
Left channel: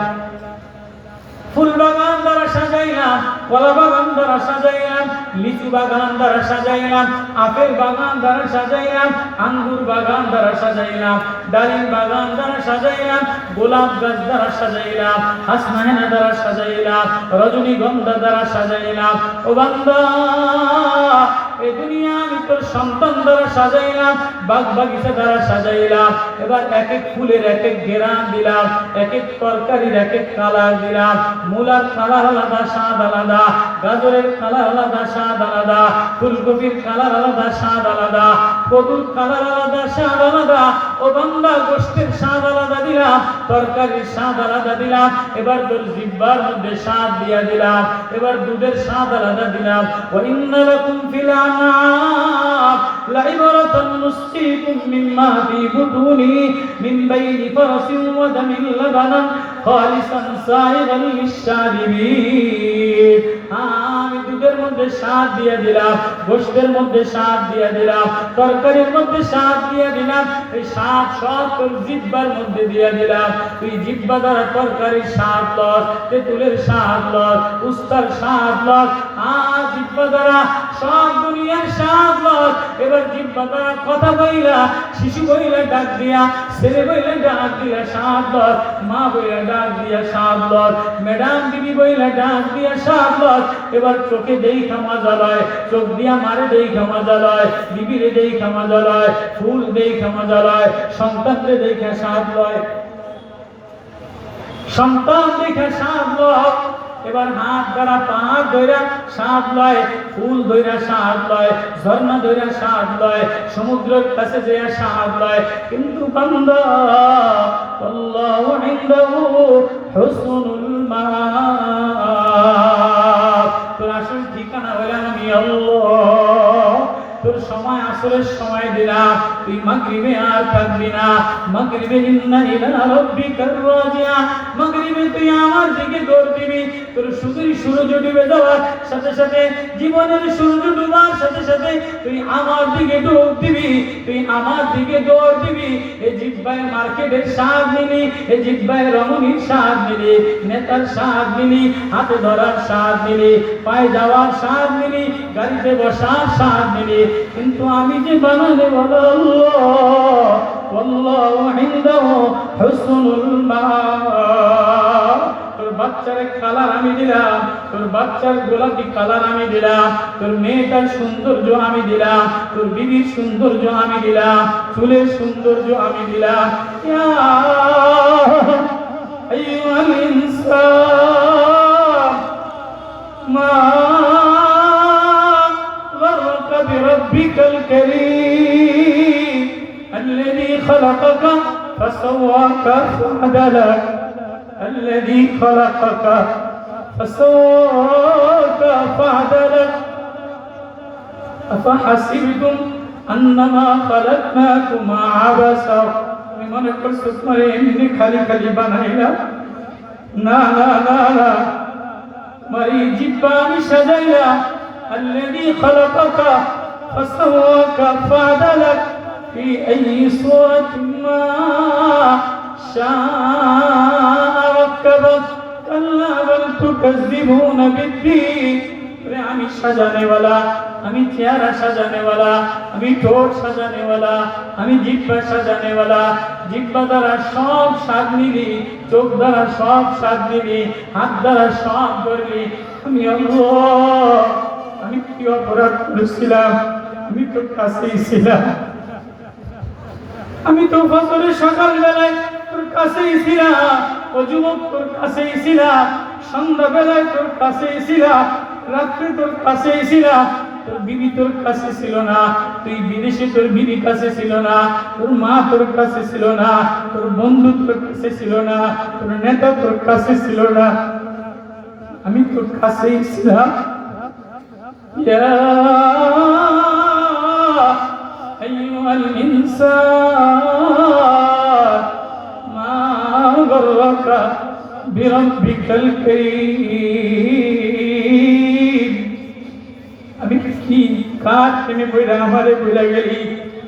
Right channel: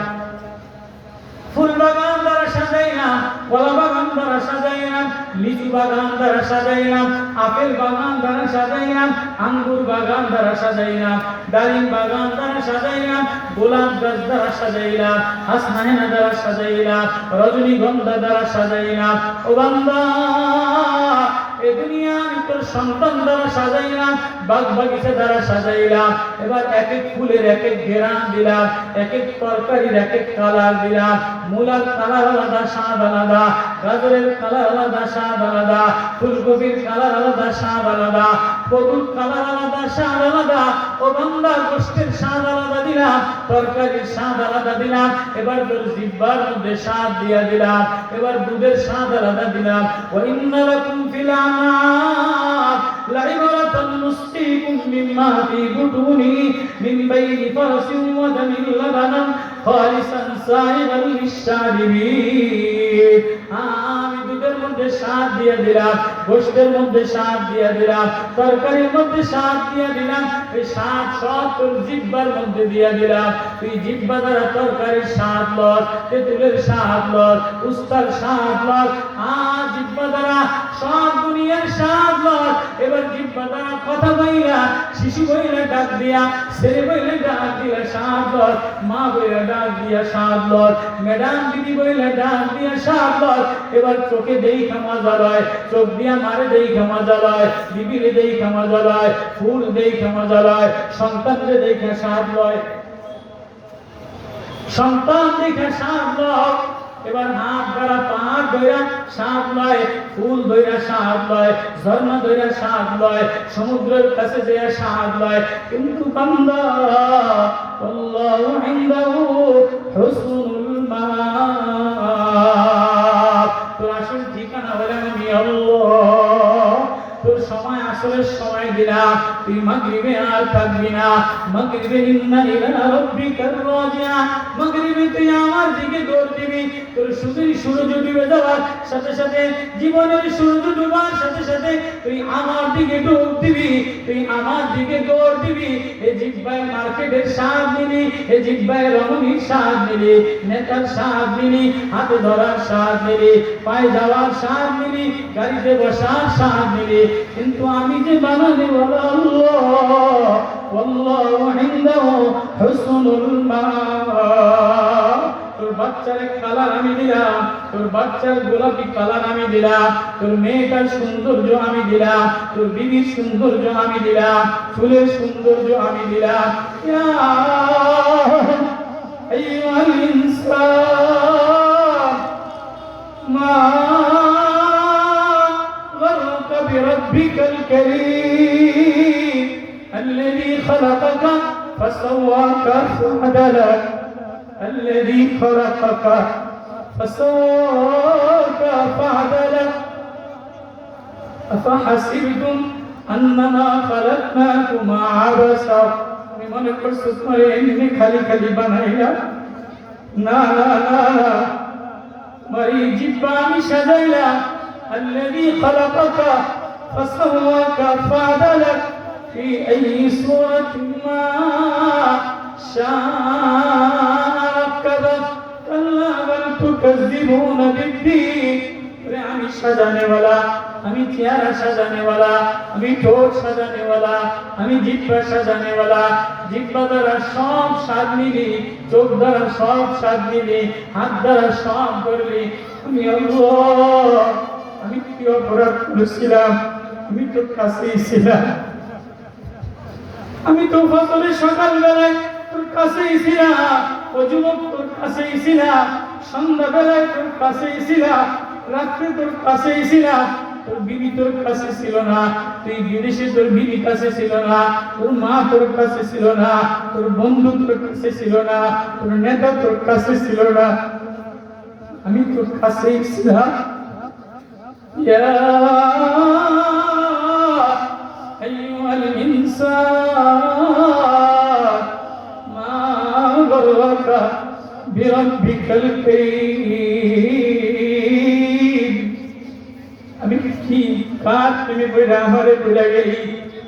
ফুল বাগান দ্বারা সাজাইলাম, কলা বাগান দ্বারা সাজাইলাম, লিচু বাগান দ্বারা সাজাইলাম, আপেল বাগান দ্বারা সাজাইলাম, আঙ্গুর বাগান দ্বারা সাজাইলাম, ডালিম বাগান দ্বারা সাজাইলাম, গোলাপ গাছ দ্বারা সাজাইলাম, হাসনাহেনা দ্বারা সাজাইলাম, রজনীগন্ধা দ্বারা সাজাইলাম। ও বান্দা, এই দুনিয়া আমি তোর সন্তান দ্বারা সাজাইলাম, বাগ বাগিচা দ্বারা সাজাইলাম। এবার এক এক ফুলের এক এক ঘেরান দিলাম, এক এক তরকারির এক এক কালার দিলাম। মূলার কালার আলাদা, স্বাদ আলাদা, গাজরের কালার আলাদা, স্বাদ আলাদা, ফুলকপির কালার আলাদা, স্বাদ আলাদা, কদুর কালার আলাদা, স্বাদ আলাদা। ও বান্দা, গোশতের স্বাদ আলাদা দিলাম, তরকারির স্বাদ আলাদা দিলাম। এবার তোর জিহ্বার মধ্যে স্বাদ দিয়া দিলাম, এবার দুধের স্বাদ আলাদা দিলাম। ওয়া ইন্না লাকুম ফিল আনআম লাইবরাতান নুসকিকুম মিম্মা ফি বুতুনি মিন বাইনি ফারাসিন ওয়া দামিন লাবানান খালিসান সাইগাল লিশশারিবিন। আমি দুধের মধ্যে স্বাদ দিয়ে দিলাম, গোশতের মধ্যে স্বাদ দিয়ে দিলাম, তরকারির মধ্যে স্বাদ দিয়ে দিলাম। এই স্বাদ সব তোর জিহ্বার মধ্যে দিয়ে দিলাম। তুই জিহ্বা দ্বারা তরকারির স্বাদ লস, তেঁতুলের স্বাদ লস, উস্তার স্বাদ লস। জিহ্বা দ্বারা সব দুনিয়ার স্বাদ লস। এবার জিহ্বা দ্বারা কথা বইলা, শিশু বইলা ডাক দিয়া, ছেলে বইলা ডাক দিয়া স্বাদ লস, মা বইলা ডাক দিয়া স্বাদ লস, ম্যাডাম দিদি বইলা ডাক দিয়া স্বাদ লস। এবার চোখে দেখা মজা লয়, চোখ দিয়া মারে দেখা মজা লয়, বিবিরে দেখা মজা লয়, ফুল দেখা মজা লয়, সন্তানরে দেখা স্বাদ লয়, সন্তান দেখে স্বাদ লয়। এবার হাত দ্বারা পাহাড় ধইরা স্বাদ লয়, ফুল ধইরা স্বাদ লয়, ঝর্ণা ধইরা স্বাদ লয়, সমুদ্রের কাছে যেয়ে স্বাদ লয়। কিন্তু বান্দা, আল্লাহু ইনদাহু হুসনুল মাআব, তোর আসল ঠিকানা হলো আমি আল্লাহ। তোর সময় আসরের সময় দিলাম, তুই মাগরিবে আর থাকবি না। মাগরিবে ইন্না ইলা রাব্বিকা রাজিয়া, মাগরিবে তুই আমার দিকে দৌড় দিবি। তোর সুন্দরী সূর্য ডুবে যাওয়ার সাথে সাথে, জীবনের সূর্য ডুবার সাথে সাথে তুই আমার দিকে দৌড় দিবি, তুই আমার দিকে দৌড় দিবি। এই জিহ্বায় মার্কেটের স্বাদ নিলি, এই জিহ্বায় রমণীর স্বাদ নিলি, নেতার স্বাদ নিলি, হাতে ধরার স্বাদ নিলি, পায়ে যাওয়ার স্বাদ নিলি, গাড়িতে বসার স্বাদ নিলি, কিন্তু আমি যে বানালে বলো আল্লাহ, আল্লাহু ইনদাহু হুসনুল মাআব। তোর বাচ্চার কালার আমি দিলাম, তোর বাচ্চার গোলাপি কালার আমি দিলাম, তোর মেয়েটার সৌন্দর্য আমি দিলাম, তোর বিবির সৌন্দর্য আমি দিলাম, চুলের সৌন্দর্য আমি দিলাম। ইয়া আইয়ুহাল ইনসান মা গররকা বিরাব্বিকাল কারীম الذي خلقك فسواك فعدلك الذي خلقك فسواك فعدلك أفحسبتم أنما خلقناكم عبثا لمن كرسك مريني خلي خلي بنايلا نا نا نا نا مري جباني سجايلا الذي خلقك فسواك فعدلك في أي صورة ما شاء ركبك كلا بل تكذبون بالدين। আমি সাজানে वाला, আমি চেহারা সাজানে वाला, আমি ঠোঁট সাজানে वाला, আমি জিহ্বা সাজানে वाला। জিহ্বা দ্বারা সব স্বাদ নিবি, চোখ দ্বারা সব স্বাদ নিবি, হাত দ্বারা সব করবি। আমি আল্লাহ, আমি কি অপরাধ করেছিলাম? আমি তোর কাছেই ছিলাম, আমি তো ফজরের সকাল বেলায় তোর কাছেই ছিলাম, অজুমক তোর কাছেই ছিলাম, সন্ধ্যা বেলায় তোর কাছেই ছিলাম, রাত্রে তোর কাছেই ছিলাম। তোর বিবি তোর কাছে ছিল না, তুই বিদেশে তোর বিবি কাছে ছিল না, তোর মা তোর কাছে ছিল না, তোর বন্ধু তোর কাছে ছিল না, তোর নেতা তোর কাছে ছিল না, আমি তোর কাছেই ছিলাম। ইয়া আইয়ুহাল ইনসান মা গররকা বিরাব্বিকাল কারীম। আমি কি কার প্রেমে পড়ে আমারে ভুলে গেলি?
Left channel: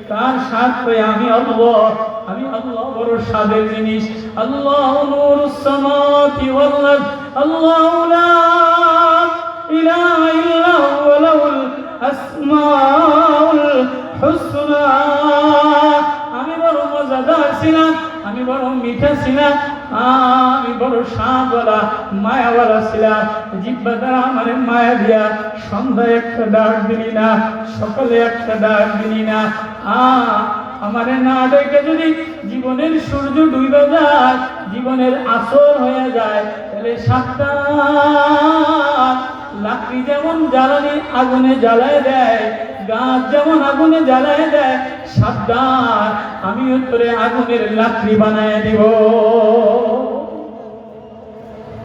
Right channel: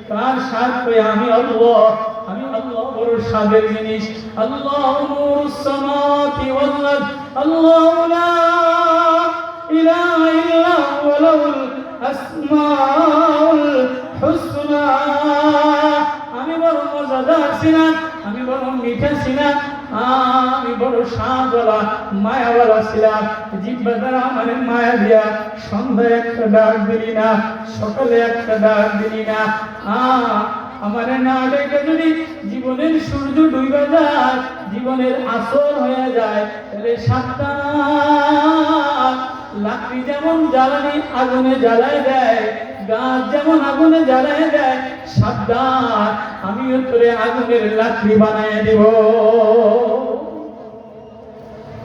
তার স্বাদ পেয়ে আমি আল্লাহ, আমি আল্লাহ বড় স্বাদের জিনিস। আল্লাহ নূরুস সামাওয়াতি ওয়াল আরদ, আল্লাহু লা ইলাহা ইল্লা হুয়া লাহুল আসমাউল হুসনা। আমি বড় মজাদার ছিলাম, আমি বড় মিঠা ছিলাম, আমি বড় স্বাদওয়ালা মায়াওয়ালা ছিলাম। জিহ্বা দ্বারা আমার মায়া দিয়া সন্ধ্যায় একটা ডাক দিলি না, সকালে একটা ডাক দিলি না। আমার না ডেকে যদি জীবনের সূর্য ডুবে যায়, জীবনের আসর হয়ে যায়, তাহলে সাবধান। লাকড়ি যেমন জ্বালানি আগুনে জ্বালায় দেয়, গাছ যেমন আগুনে জ্বালায় দেয়, সাবধান আমিও তোরে আগুনের লাকড়ি বানায় দেব।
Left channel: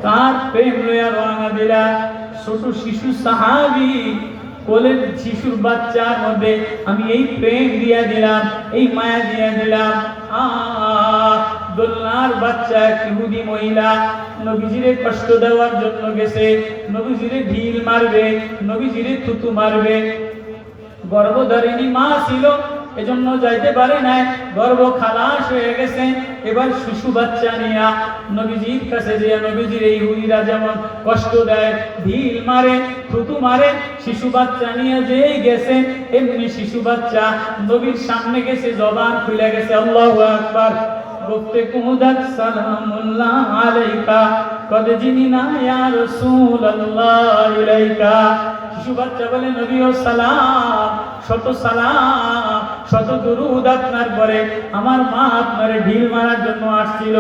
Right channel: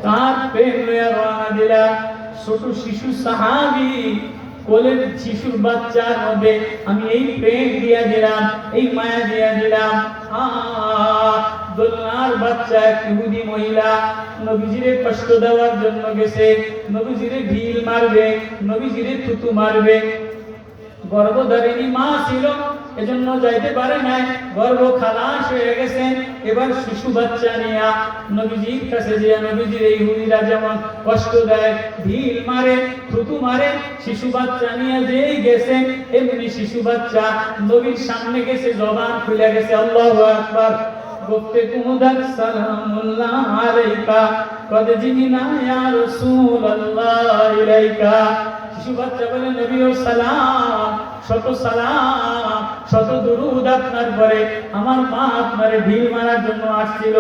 তার প্রেম লইয়া রওনা দিলা। ছোট শিশু সাহাবী, কোলের শিশুর বাচ্চার মধ্যে আমি এই প্রেম দিয়া দিলাম, এই মায়া দিয়া দিলাম। দোলনার বাচ্চা এক ইহুদি মহিলা নবীজিরে কষ্ট দেওয়ার জন্য গেছে, নবীজিরে ঢিল মারবে, নবীজিরে থুতু মারবে। গর্ভধারিণী মা ছিল, এজন্য যাইতে পারে নাই, গর্ভ খালাস হয়ে গেছে। এবার শিশু বাচ্চা নিয়া নবীজির কাছে দিয়া নবীজির এই ইহুদিরা যেমন কষ্ট দেয়, ঢিল মারে, থুতু মারে, শিশু বাচ্চা নিয়ে যেই গেছে এমনি শিশু বাচ্চা নবীর সামনে গেছে, জবান খুলে গেছে আল্লাহু আকবার। গুফতে কুমুদাত সালামুল্লাহ আলাইকা কদ জিনা ইয়া রাসূলুল্লাহ ইলাইকা। শিশু বাচ্চা বলে নবী ও সালাম, শত সালাম, শত দুরুদ আপনার পরে। আমার মা আপনারে ঢিল মারার জন্য আসছিল,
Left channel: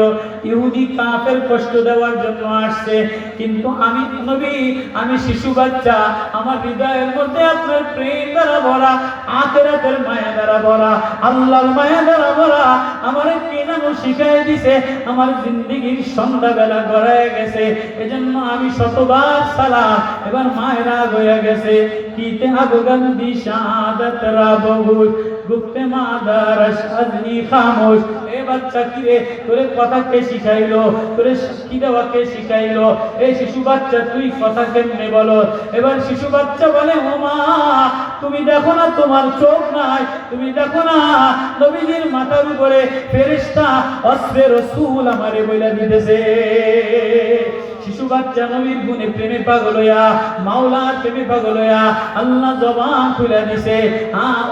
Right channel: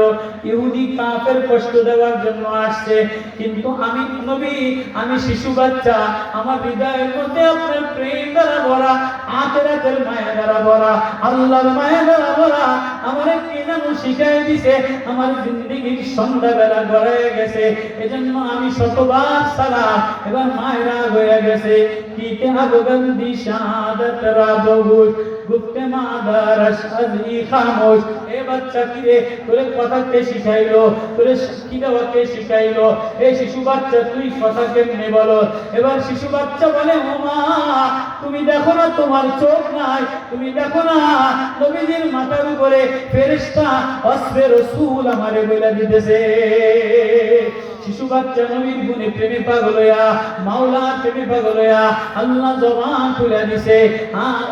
ইহুদি কাফের কষ্ট দেওয়ার জন্য আসছে, কিন্তু আমি নবী, আমি শিশু বাচ্চা, আমার হৃদয়ের মধ্যে আপনার প্রেম দ্বারা ভরা, আখিরাতের মায়া দ্বারা ভরা, আল্লাহর মায়া দ্বারা ভরা। আমার কেনানো শিখাই দিছে, আমার জিন্দেগির সন্ধ্যাবেলা গড়ায় গেছে, এজন্য আমি শতবার সালাম। এবার মায়েরা হয়ে গেছে কিতে আগগন্দি শাহাদাত রাবহুত গুপ্তে মাদারস আজনি খামোশ। এ বাচ্চা কি রে, তোরে কথা কে শিখাইলো, তোরে কি দেওয়া কে শিখাইলো? এই শিশু বাচ্চা তুই কথা কেমনে বলো? এবার শিশু বাচ্চা বলে, ও মা, তুমি দেখো না তোমার চোখ নাই, তুমি দেখো না নবীজির মাথার উপরে ফেরেশতা অস্ত্রে রাসূল আমারে বইলা দিতেছে। শিশু বাচ্চা নবীর গুণে প্রেমে পাগল হইয়া, মাওলার প্রেমে পাগল হইয়া আল্লাহ জবান খুলে দিছে।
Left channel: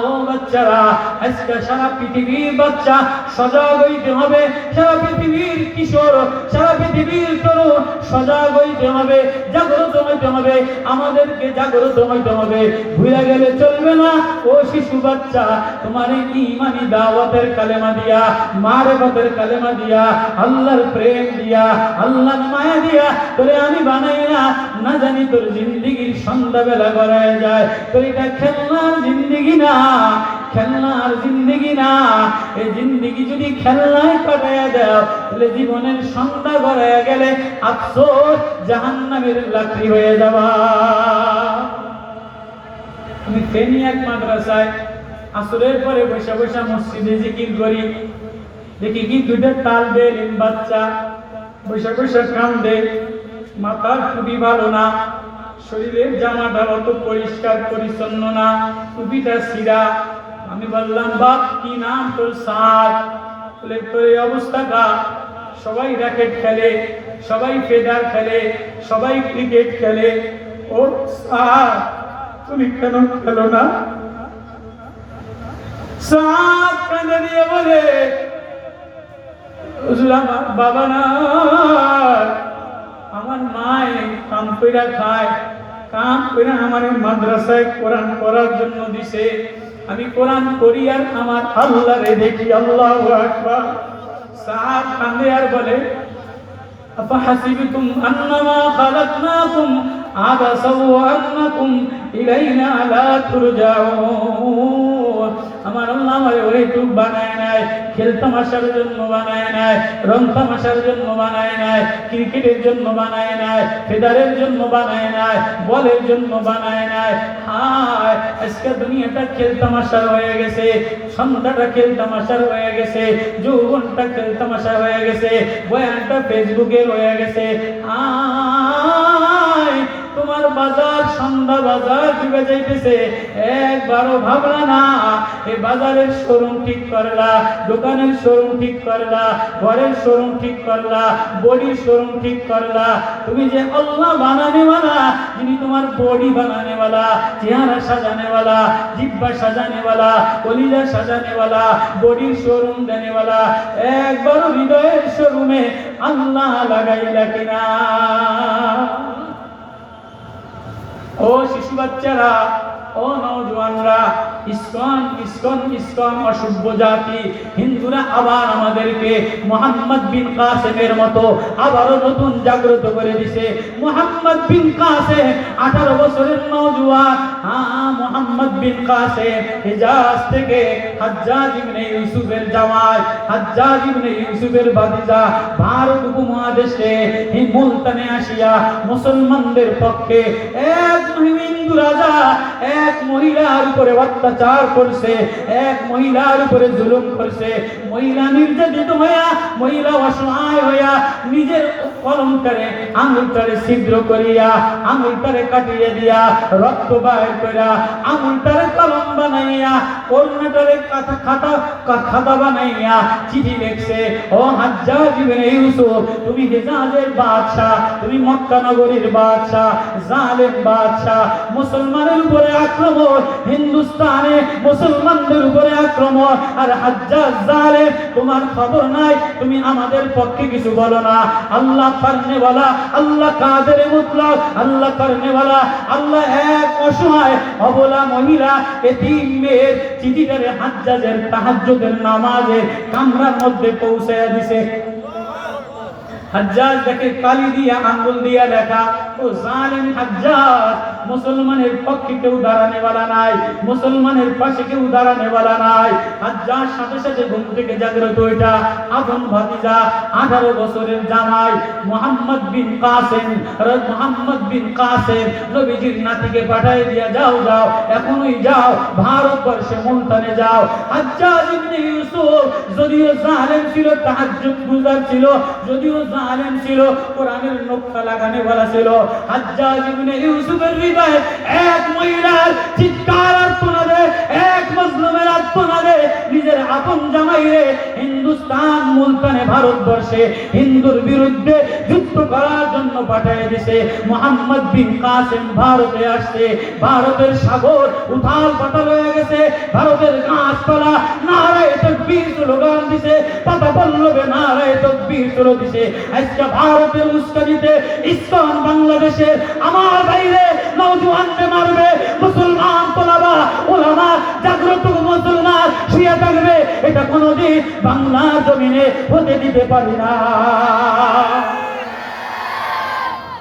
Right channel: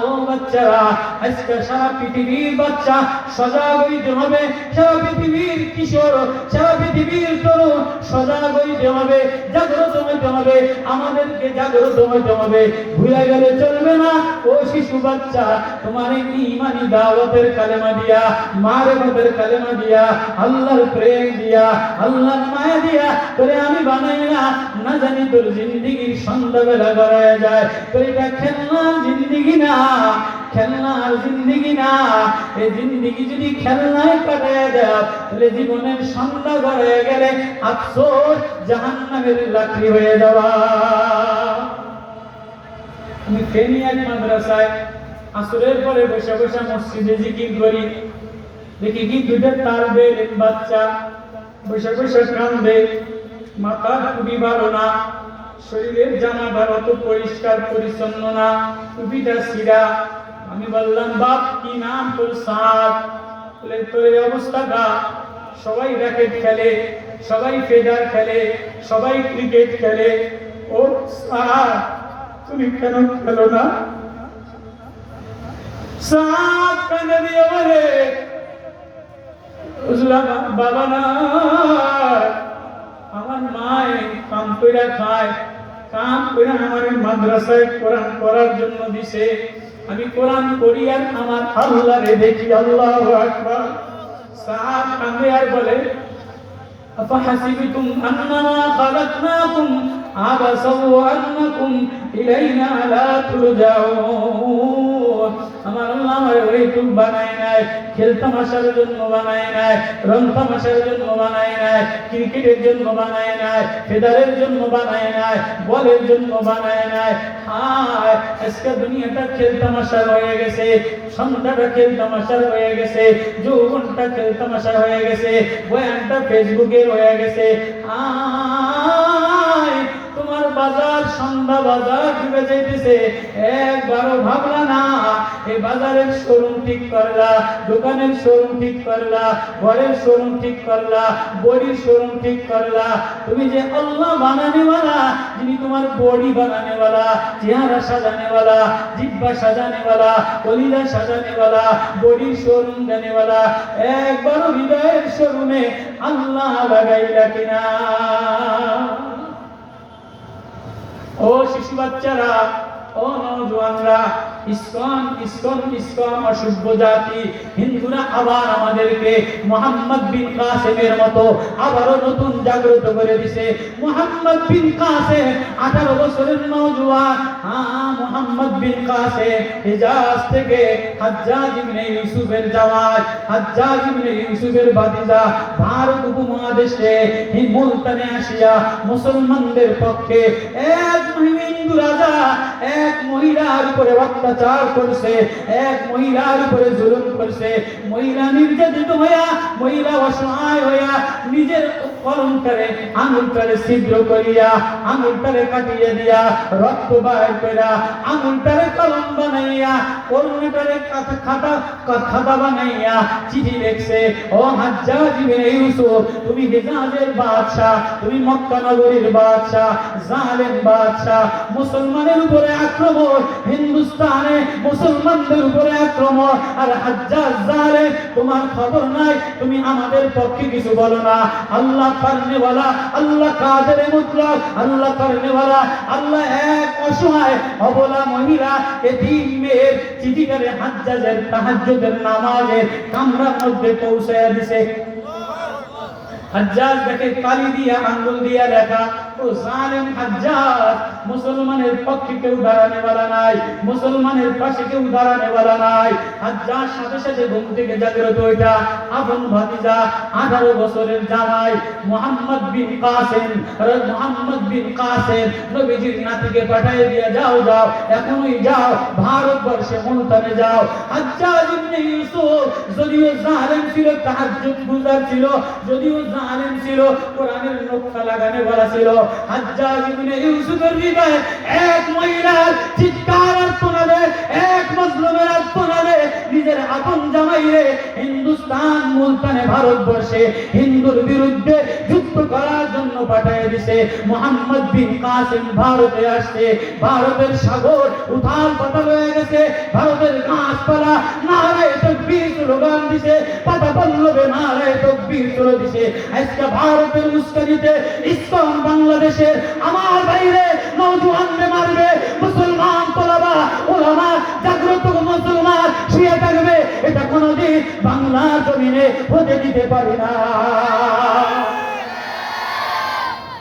ও বাচ্চারা, আজকে সারা পৃথিবীর বাচ্চা সজাগ হইতে হবে, সারা পৃথিবীর কিশোর, সারা পৃথিবীর তরুণ সজাগ হইতে হবে, জাগ্রত হইতে হবে, আমাদেরকে জাগ্রত হইতে হবে। ভুলে গেলে চলবে না। ও শিশু বাচ্চা, তোমার এই ঈমানি দাওয়াতের কালেমা দিয়া, মারিফতের কালেমা দিয়া, আল্লাহর প্রেম দিয়া, আল্লাহর মায়া দিয়া তোরে আমি বানাই না জানি তোর জিন্দেগির সন্ধ্যাবেলা গড়ায় যায়। তোর এটা খেলনার জিন্দেগি না, খেলনার জিন্দেগি না। এই জিন্দেগি যদি খেলনায় কাটায় দাও, তাহলে জীবনের সন্ধ্যা গড়ায় গেলে আফসোস জাহান্নামের লাকড়ি হয়ে যাবা। আমি ফেনী এক মাদ্রাসায় আসরের পরে বসে বসে মসজিদে জিকির করি, দেখি কি দুটো তালবে ইলম বাচ্চা বসে বসে কান্দে, মাথার টুপি ভালো না, শরীরের জামাটা অত পরিষ্কার পরিচ্ছন্ন না, টুপিটা ছিঁড়া। আমি বললাম, বাপ কি নাম তোর? সাদ। বলে, তোর এই অবস্থাটা, সবাই র্যাকেট খেলে, সবাই ফেদার খেলে, সবাই ক্রিকেট খেলে, ও সাদ তুমি কেন খেলো না? সাদ কাঁদে দিয়ে বলে, বাবা না, আমার মায়ে কাম কইরা খায়, কাম করে আমার মাদ্রাসায় কোরআন পড়ার জন্য দিছে, আমি কোরআন পড়ি আর আমার আল্লাহরে দেখি। আল্লাহু আকবার। সাদ কান্দে আর বলে, আফাহাসিবতুম আন্নামা খালাকনাকুম আবাসা ওয়া আন্নাকুম ইলাইনা লা তুরজাউন। আমার আল্লাহ আমারে ওইটুক বানায় নাই, খেল তামাশার জন্য বানায় নাই, রং তামাশার জন্য বানায় নাই, ক্রিকেটের জন্য বানায় নাই, ফেদারের জন্য বানায় নাই, বলের জন্য বানায় নাই। হায়, আজকে দুনিয়াটা খেল তামাশার হয়ে গেছে, সন্ধ্যাটা খেল তামাশার হয়ে গেছে, যৌবনটা খেল তামাশা হয়ে গেছে, বয়ানটা ফেসবুকের হয়ে গেছে। তোমার বাজার সন্ধ্যা বাজার ডুবে যাইতেছে, একবারও ভাবলা না এ বাজারের শোরুম ঠিক করলা, দোকানের শোরুম ঠিক করলা, ঘরের শোরুম ঠিক করলা, বডির শোরুম ঠিক করলা। তুমি যে আল্লাহ বানানেওয়ালা, যিনি তোমার বডি বানানেওয়ালা, চেহারা সাজানেওয়ালা, জিহ্বা সাজানেওয়ালা, কলিজা সাজানেওয়ালা, বডির শোরুম দেনেওয়ালা, একবারও হৃদয়ের শোরুমে আল্লাহ লাগাইলা কিনা? ও শিশু বাচ্চারা, ও নওজওয়ানরা, ইসকন ইসকন ইসকন অসভ্য জাতি হিন্দুরা আবার আমাদেরকে মুহাম্মদ বিন কাসেমের মতো আবারও নতুন জাগ্রত করে দিছে। মুহাম্মদ বিন কাসেম 18 বছরের নওজওয়ান। মুহাম্মদ বিন কাসেম হিজাজ থেকে হাজ্জাজ ইবনে ইউসুফের জামাই, হাজ্জাজ ইবনে ইউসুফের ভাতিজা ভারত উপমহাদেশে মুলতানে আসিয়া মুসলমানদের পক্ষে এক হিন্দু রাজা এক মহিলার উপরে অত্যাচার করছে, এক মহিলার উপরে জুলুম করছে। মহিলা নির্যাতিত হইয়া, মহিলা অসহায় হইয়া নিজের কলমটারে আঙুলটারে ছিদ্র করিয়া, আঙুলটারে কাটিয়ে দিয়া, রক্ত বাইর করিয়া, আঙুলটারে কলম বানাইয়া, কর্ণটারে খাতা বানাইয়া চিঠি লিখছে, ও হাজ্জাজ ইবনে ইউসুফ, তুমি হিজাজের বাদশা, তুমি মক্কা নগরীর বাদশা, জালেম বাদশা, মুসলমানের উপরে আক্রমণ, হিন্দুস্তানে মুসলমানদের উপরে আক্রমণ, আর হাজ্জাজ জালেম, তোমার খবর নাই, তুমি আমাদের পক্ষে কিছু বলো না। আল্লাহ করনেওয়ালা, আল্লাহ কাদের মুতলাক, আল্লাহ করনেওয়ালা, আল্লাহ এক অসহায় অবলা মহিলা এতিম মেয়ের চিঠিটারে হাজ্জাজের তাহাজ্জুদের নামাজের কামরার মধ্যে পৌঁছায়া দিছে। হাজ্জাজ দেখে কালি দিয়া আঙ্গুল দিয়া লেখা, ও জালিম হাজ্জাজ, মুসলমানের পক্ষে কেউ দাঁড়ানে वाला নাই, মুসলমানের পাশে কেউ দাঁড়ানে वाला নাই। হাজ্জাজ সাথে সাথে ঘুম থেকে জাগ্রত হইটা আপন ভাতিজা 18 বছরের জামাই মুহাম্মদ বিন কাসেম নবীজির নাতিকে পাঠিয়ে দিয়া, যাও যাও এখনই যাও ভারতবর্ষে মুলতানে যাও। হাজ্জাজ ইবনে ইউসুফ যদিও জালেম ছিল, তাহাজ্জুদ গুজার ছিল, যদিও জালেম ছিল, কোরআনের নকশা লাগানে वाला ছিল। হাজ্জাজ ইবনে ইউসুফের হৃদয়ে এক মহিলার চিৎকার আর শোনাবে, এক মজলুমের আর শোনাবে, নিজের আপন জামাইরে হিন্দুস্তান মুলতানে ভারতবর্ষে হিন্দুর বিরুদ্ধে যুদ্ধ করার জন্য পাঠিয়ে দিয়েছে। মুহাম্মদ বিন কাসেম ভারতে আসছে, ভারতের সাগর উথাল পাতাল হয়ে গেছে, ভারতের গাছপালা নারায়ে তাকবীর স্লোগান দিছে, পাতা পল্লবে নারায়ে তাকবীর স্লোগান দিছে। আজকে ভারতের উস্কানিতে ইসকন বাংলাদেশে আমার বাইরে নওজোয়ানকে মারবে, মুসলমান তোলাবা ওলামা জাগ্রত মুসলমান শুয়ে থাকবে, এটা কোনোদিন বাংলার জমিনে হতে দিতে পারি না।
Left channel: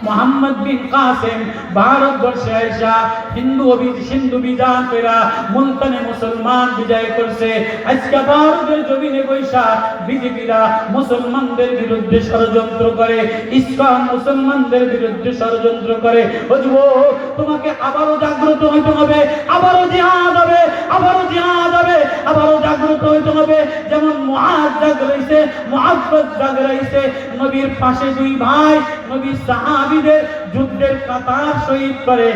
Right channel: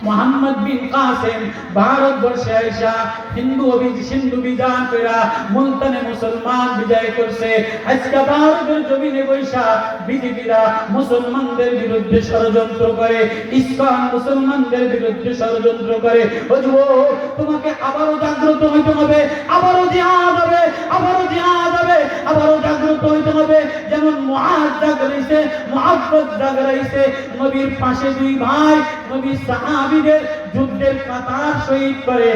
মুহাম্মদ বিন কাসেম ভারতবর্ষে আইসা হিন্দু বিধান কইরা মুলতানে মুসলমান বিজয় করছে। আজকে ভারতের জমিনে বৈশা বিজেপিরা মুসলমানদের বিরুদ্ধে ষড়যন্ত্র করে, ইসলাম মুসলমানদের বিরুদ্ধে ষড়যন্ত্র করে। যুবক, তোমাকে আবারও জাগ্রত হইতে হবে, আবারও জিহাদ হবে, আবারও জিহাদ হবে, আবারও জাগ্রত হইতে হবে। যেমন মুআজ জাগরাইছে, মুআব্বাদ জাগরাইছে, নবীর পাশে দুই ভাই নবীর সাহাবীদের যুদ্ধের কাতার শহীদ করে।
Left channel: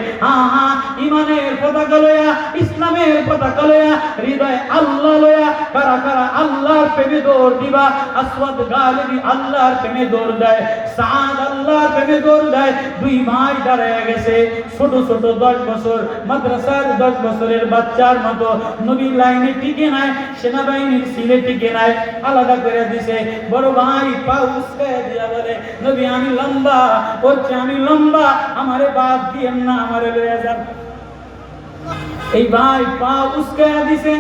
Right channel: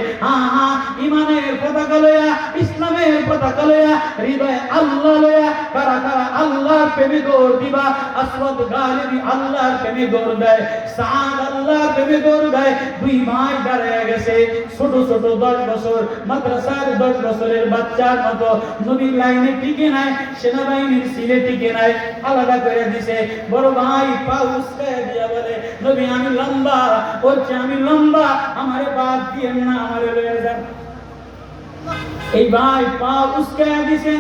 ইমানের পতাকা লয়া, ইসলামের পতাকা লয়া, হৃদয় আল্লাহ লয়া, কারা কারা আল্লাহর প্রেমে দৌড় দিবা। আসওয়াদ গালিবি আল্লাহর প্রেমে দৌড় দেয়, সাদ আল্লাহর প্রেমে দৌড় দেয়। দুই ভাই দাঁড়ায় গেছে, ছোট ছোট 10 বছর মাদ্রাসার 10 বছরের বাচ্চার মতো। নবীর লাইনে টিকে নাই, সেনাবাহিনীর সিলে টিকে নাই, আলাদা করে দিছে। বড় ভাই পা উস্কায় দিয়া বলে, নবী আমি লম্বা, বলছে আমি লম্বা, আমারে বাদ দিয়েন না, আমারে লয়ে যান। এই ভাই পা উস্কায় দিছে,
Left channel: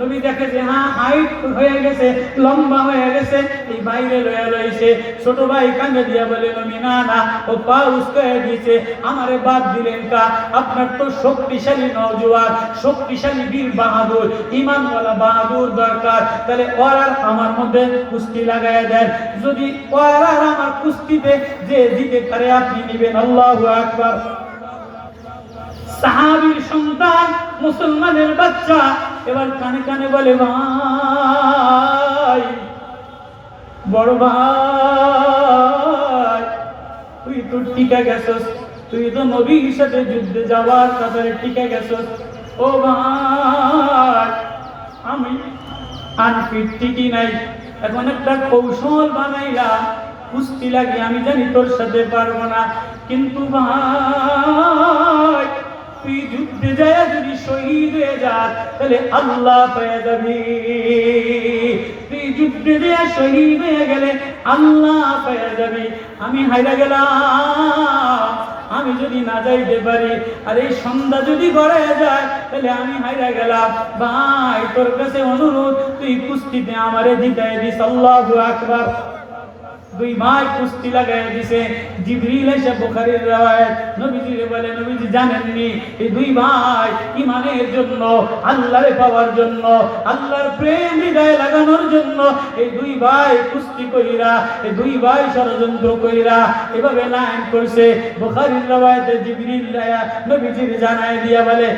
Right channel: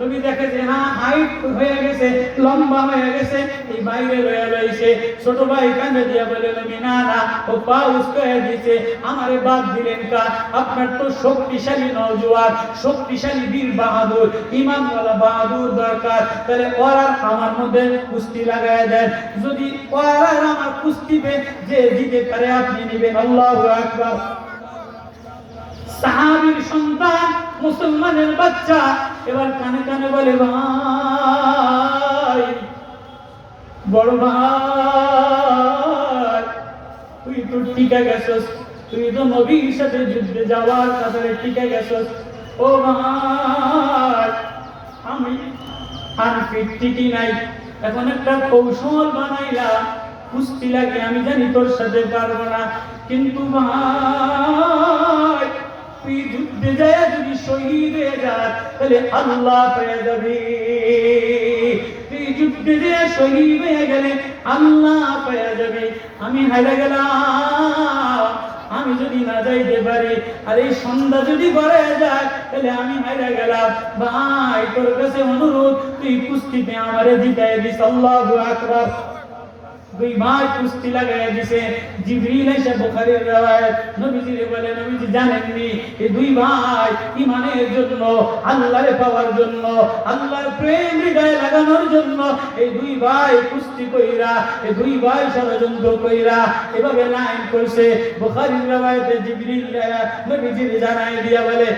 নবী দেখে যে হাইট হয়ে গেছে, লম্বা হয়ে গেছে, এই বাইরে লয়ে লইছে। ছোট ভাই কাঁদে দিয়া বলে, নবী না না, ও পা উস্কায় দিছে, আমারে বাদ দিলেন কা? আপনার তো শক্তিশালী নওজোয়ান, শক্তিশালী বীর বাহাদুর, ঈমানওয়ালা বাহাদুর দরকার। তাহলে ওর আর আমার মধ্যে কুস্তি লাগায় দেন, যদি ওর আর আমার কুস্তিতে যে জিতে পারে আপনি নিবেন। আল্লাহু আকবার। সাহাবীর সন্তান, মুসলমানের বাচ্চা এবার কানে কানে বলে, ভাই, বড় ভাই, তুই তো টিকে গেছস, তুই তো নবীর সাথে যুদ্ধে যাওয়ার কাতারে টিকে গেছস। ও ভাই, আমি আনফিট টিকি নাই, এখন একটা কৌশল বানাইলাম, কুস্তি লাগে, আমি জানি তোর সাথে পারবো না, কিন্তু ভাই তুই যুদ্ধে যায় যদি শহীদ হয়ে যাস তাহলে আল্লাহ পেয়ে যাবি, তুই যুদ্ধে যায় শহীদ হয়ে গেলে আল্লাহ পেয়ে যাবি। আমি হাইরা গেলাম, আমি যদি না যাইতে পারি, আর এই সন্ধ্যা যদি ঘরে যায় তাহলে আমি হাইরা গেলাম। ভাই তোর কাছে অনুরোধ, তুই কুস্তিতে আমারে জিতায় দিস। আল্লাহু আকবার। দুই ভাই কুস্তি লাগায় দিছে। জিবরিল এসে বুখারীর riwayat নবীজিরে বলে, নবীজি জানেননি এই দুই ভাই ঈমানের জন্য, আল্লাহরে পাওয়ার জন্য, আল্লাহর প্রেম হৃদয়ে লাগানোর জন্য এই দুই ভাই কুস্তি কইরা, এই দুই ভাই ষড়যন্ত্র কইরা এভাবে লাইন করছে। বুখারীর riwayat জিবরিল নবীজিরে জানায় দিয়া বলে,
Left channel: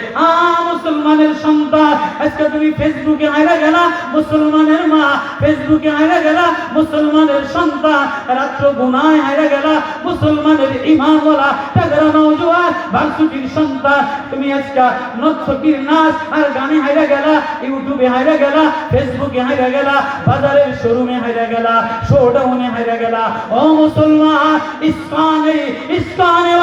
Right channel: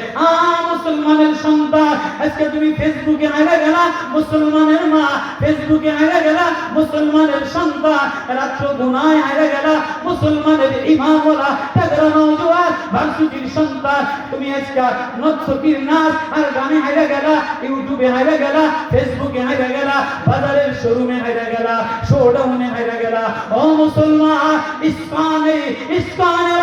মুসলমানের সন্তান, আজকে তুমি ফেসবুকে আইরা গেলা, মুসলমানের মা ফেসবুকে আইরা গেলা, মুসলমানের সন্তান রাত্র গুনায় হারা গেলা, মুসলমানের ইমামওয়ালা তাগড়া নওজোয়ান ভার্সিটির সন্তান, তুমি আজকে নর্তকীর নাচ আর গানে হারা গেলা, ইউটিউবে হারা গেলা, ফেসবুকে হারা গেলা, বাজারের শোরুমে হারা গেলা, শোডাউনে হারা গেলা। ও মুসলমান, ইসলামে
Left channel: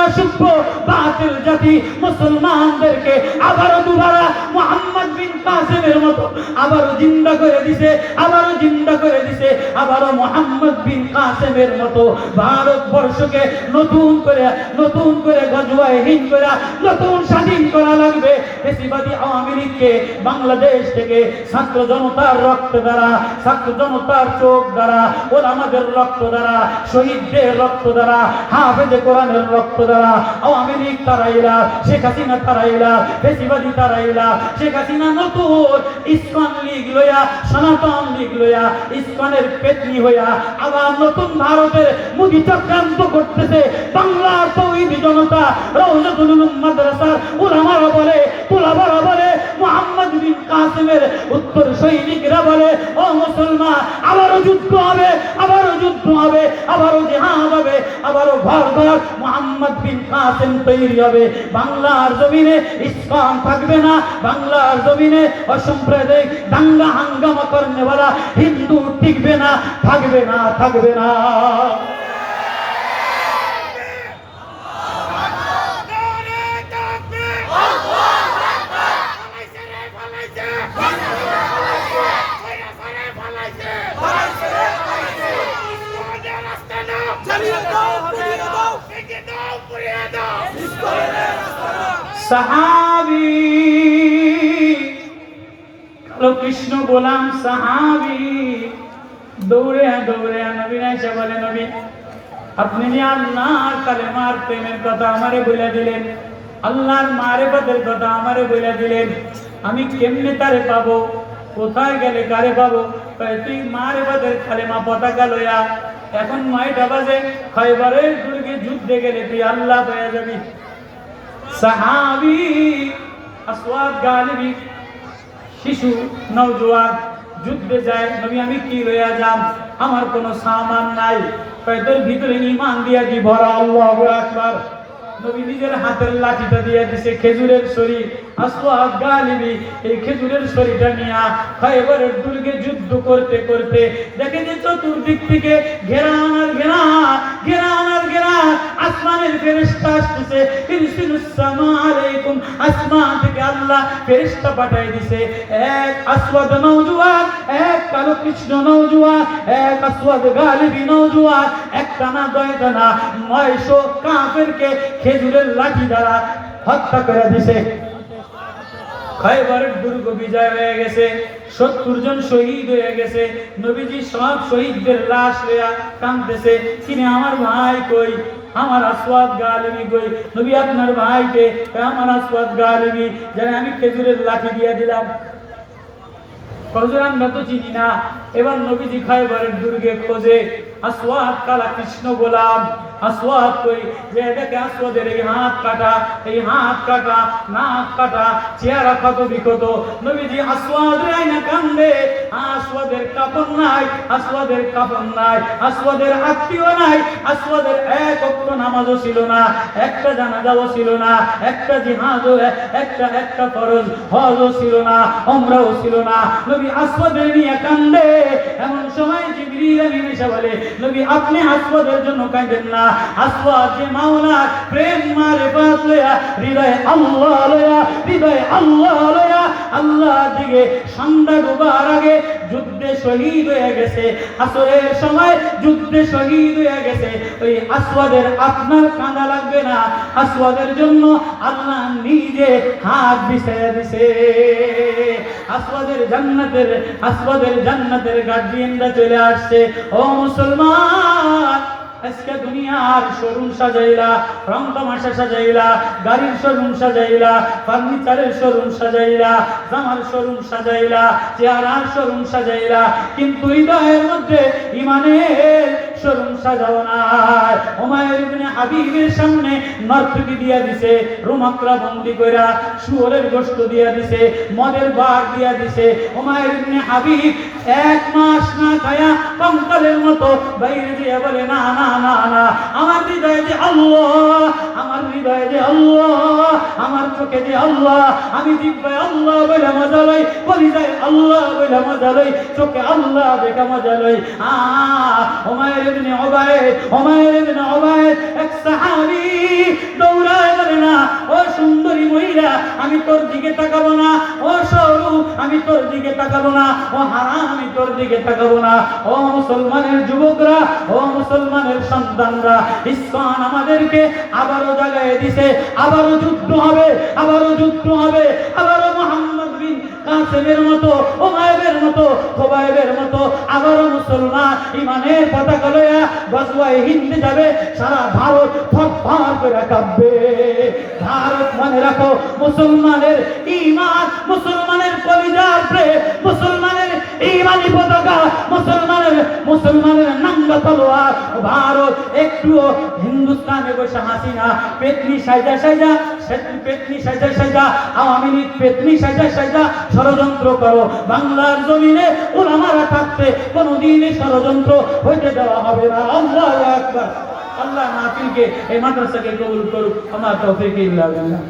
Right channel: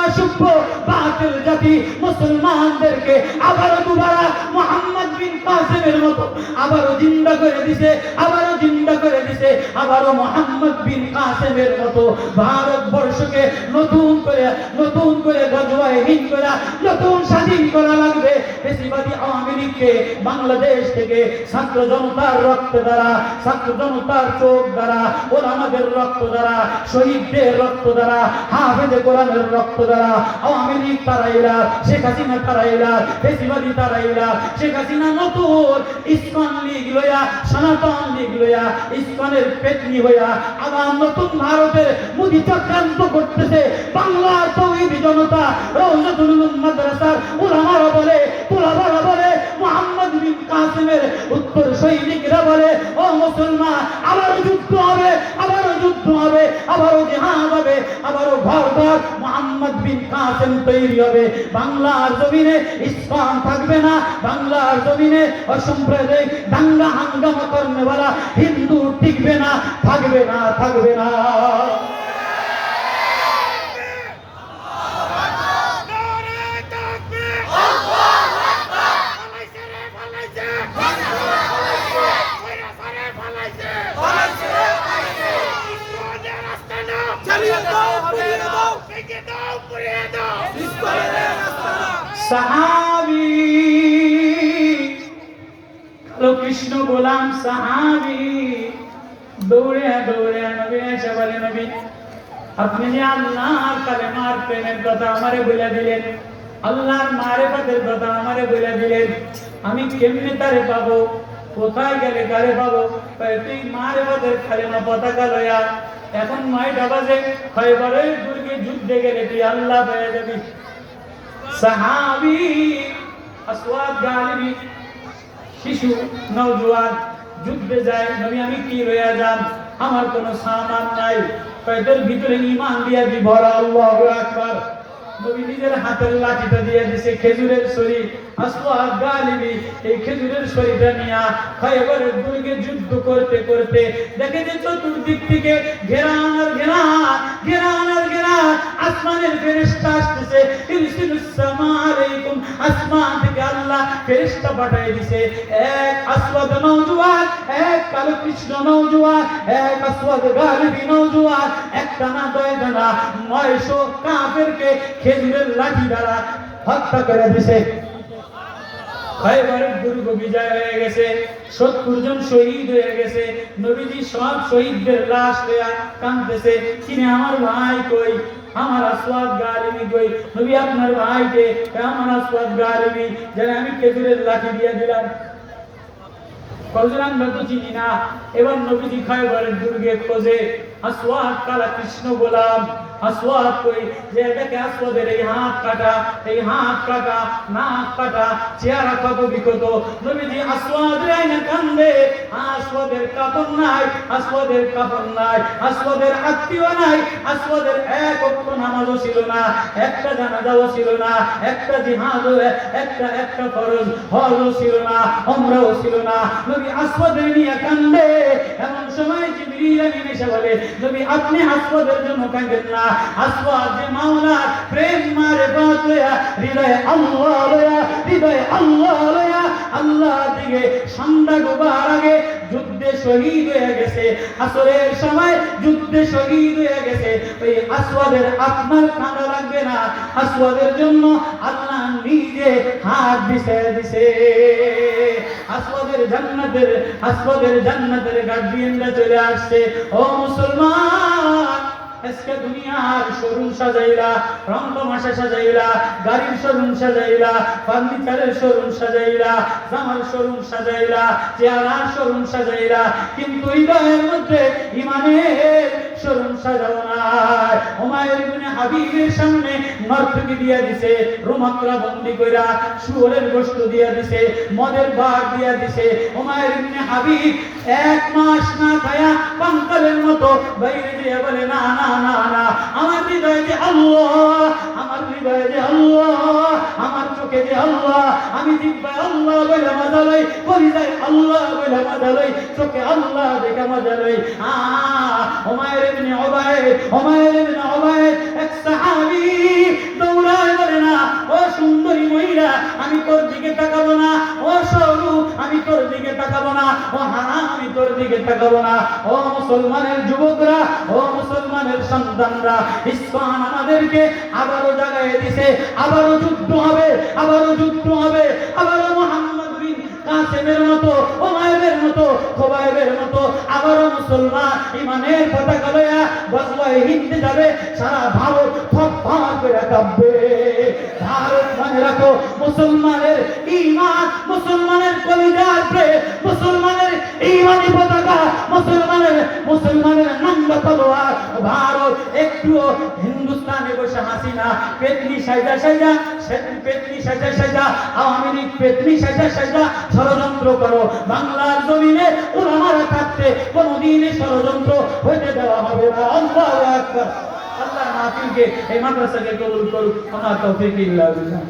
অসভ্য বাতিল জাতি মুসলমানদেরকে আবার দুবারা মুহাম্মদ বিন কাসেমের মতো আবারও জিন্দা করে দিছে, আবারও জিন্দা করে দিছে, আবারও মোহাম্মদ বিন কাসেমের মতো ভারতবর্ষকে নতুন করে গজওয়ায় হিন্দ করে নতুন স্বাধীন করা লাগবে। ফ্যাসিবাদী আওয়ামী লীগকে বাংলাদেশ থেকে ছাত্র জনতার রক্ত দ্বারা, ছাত্র জনতার চোখ দ্বারা, ওলামাদের রক্ত দ্বারা, শহীদদের রক্ত দ্বারা, হাফেজে কোরআনের রক্ত দ্বারা আওয়ামী লীগ তারাইলা, শেখ হাসিনা তারাইলা, ফ্যাসিবাদী তারাইলা। শেখ হাসিনা নতুন ইসকন লীগ লইয়া, সনাতন লীগ লইয়া, ইসকনের পেতনি হইয়া আবার নতুন ভারতের মুদি চক্রান্ত করতেছে। বাংলার তৌহিদি জনতা, রওজাতুল উলুম মাদ্রাসার উলামারা বলে, তুলাবারা বলে, মুহাম্মদ বিন কাসেমের উত্তর সৈনিকরা বলে, ও মুসলমান, আবারও যুদ্ধ হবে, আবারও যুদ্ধ হবে, আবারও জিহাদ হবে, আবারও ঘর ঘর মুহাম্মদ বিন কাসেম তৈরি হবে। বাংলার জমিনে ইসলাম থাকবে না, বাংলার জমিনে অসাম্প্রদায়িক দাঙ্গা হাঙ্গামা করনেওয়ালা হিন্দু টিকবে না, থাকবে না, থাকবে না। সাহাবী কালো কৃষ্ণ গোলাম সাহাবী দৌড়ে দৌড়ে নবী আয়েশা বলে, নবী আপনি যে আল্লাহর কালেমার প্রেমের কথা আমারে বলে দিলেন, আল্লাহর মারিফতের কথা আমারে বলে দিলেন, আমি কেমনে তারে পাবো, কোথায় গেলে কারে পাবো? তুই মারিফতের কালেমা পতাকা লইয়া এখন 9টা বাজে, খয়বরের দুর্গে যুদ্ধে গেলে তুই আল্লাহ পেয়ে যাবি। সাহাবী আসওয়াদ গালিবী শিশু নওজোয়ান যুদ্ধে যায়, নবী আমি কি লইয়া যাম, আমার কোনো সামান নাই, তোর ভিতরে ঈমান দিয়া দি ভরা। আল্লাহু আকবার। নবী নিজের হাতের লাঠিটা দিয়ে দিছে খেজুরের ছড়ি। আসওয়াদ গালিবী এই খেজুরের ছড়িটা নিয়া খয়বরের দুর্গে যুদ্ধ করতে করতে দেখে যে চতুর্দিক থেকে ঘেরান আর ঘেরান আসমানের ফেরেশতা আসতেছে। ইরসিলুস সামা আলাইকুম, আসমান থেকে আল্লাহ ফেরেশতা পাঠিয়ে দিয়েছে। এক আসওয়াদ নওজোয়ান, এক কালো কৃষ্ণ নওজোয়ান, এক আসওয়াদ গালিবী নওজোয়ান, একটা না দুইটা না 900 কাফেরকে খেজুরের লাঠি দ্বারা হত্যা করে দিয়েছে। খয়বরের দুর্গ বিজয় হয়ে গেছে, 70 জন শহীদ হয়ে গেছে। নবীজি সব শহীদদের লাশ লইয়া কাঁদতেছে, তিনি আমার ভাই কই, আমার আসওয়াদ গালিবী কই? নবী আপনার ভাইকে, আমার আসওয়াদ গালিবী যেন আমি খেজুরের লাঠি দিয়ে দিলাম। হুজুর আমরা তো চিনি না। এবার নবীজি খয়বরের দুর্গে খোঁজে আসওয়াদ কালা কৃষ্ণ গোলাম, আসওয়াদ কই? যে এটাকে আসওয়াদের এই হাত কাটা, এই হাত কাটা, নাক কাটা, চেহারা কত বিকট। নবীজি আসওয়াদ রাইনা কান্দে, আসওয়াদের কাপড় নাই, আসওয়াদের কাপড় নাই, আসওয়াদের আত্মীয় নাই, আসওয়াদের এক ওয়াক্ত নামাজও ছিল না, একটা জানাজাও ছিল না, একটা জিহাদও, একটা ফরজ হজও ছিল না, উমরাও ছিল না। নবী আসওয়াদের নিয়ে কান্দে। এমন সময় জিবরিল আমিন এসে বলে, নবী আপনি আসওয়াদের জন্য কাঁদেন না, আসওয়াদ যে মাওলার প্রেম মারিফত লয়া, হৃদয়ে আল্লাহ লয়া, হৃদয়ে আল্লাহ লয়া আল্লাহর দিকে সন্ধ্যা ডোবার আগে যুদ্ধে শহীদ হয়ে গেছে। আসরের সময় যুদ্ধে শহীদ হয়ে গেছে। ওই আসওয়াদের আপনার কাঁদা লাগবে না, আসওয়াদের জন্য আল্লাহ নিজে হাত বিছিয়ে দিছে। আসওয়াদের জান্নাতের গার্ডিয়ানরা চলে আসছে। ও মুসলমান, আজকে দুনিয়ার শোরুম সাজাইলা, রং তামাশা সাজাইলা, গাড়ির শোরুম সাজাইলা, ফার্নিচারের শোরুম সাজাইলা, জামার শোরুম সাজাইলা, চেহারার শোরুম সাজাইলা, কিন্তু হৃদয়ের মধ্যে ঈমানের শোরুম সাজাও না। উমাইর ইবনে হাবিবের সামনে নরথকি দিয়া দিছে, রুমাকরা বন্দি কইরা, শুয়োরের গোশত দিয়া দিছে, মদের বাগ দিয়া দিছে। উমাইর ইবনে হাবিব 1 মাস না খায়া কঙ্কালের মতো বাইরে দিয়ে বলে, না না না না, আমার হৃদয়ে যে আল্লাহ, আমার হৃদয়ে যে আল্লাহ, আমার চোখে যে আল্লাহ, আমি জিহ্বায় আল্লাহ বলে মজা লই, কলিজায় আল্লাহ বলে মজা লই, চোখে আল্লাহ দেখে মজা লই। উমাইর ইবনে উবাইদ এক সাহাবী দৌড়ায় বলে না, ও সুন্দরী মহিলা আমি তোর দিকে তাকাবো না, ও স্বরূপ আমি তোর দিকে তাকাবো না, ও হারাম আমি তোর দিকে তাকাবো না। ও মুসলমানের যুবকরা, ও মুসলমানের সন্তানরা, ইসলাম আমাদেরকে আবারও জাগায় দিছে, আবারও যুদ্ধ হবে, আবারও যুদ্ধ হবে, আবারও মুহাম্মদ বিন কাসেমের মতো, উমাইরের মতো, খুবাইবের মতো আবারও মুসলমান ইমানের পতাকা লইয়া গজওয়ায়ে হিন্দে যাবে। সারা ভারত থরথর করে কাঁপবে। ভারত মনে রাখো, মুসলমানের ঈমান, মুসলমানের কলিজার প্রেম, মুসলমানের ঈমানি পতাকা, মুসলমানের নাঙ্গা তলোয়ার। ভারত একটুও হিন্দুস্তানে বসে হাসিনা পেতনি সাইজা আওয়ামী লীগ পেতনি সাইজা ষড়যন্ত্র করো, বাংলার জমিনে উলামারা থাকতে কোনদিনই ষড়যন্ত্র হইতে দেওয়া হবে না। আল্লাহু আকবার। আল্লাহ মাহফিলকে এই মাদ্রাসাকে কবুল করুক। আমার তৌফিক ইল্লা বিল্লাহ।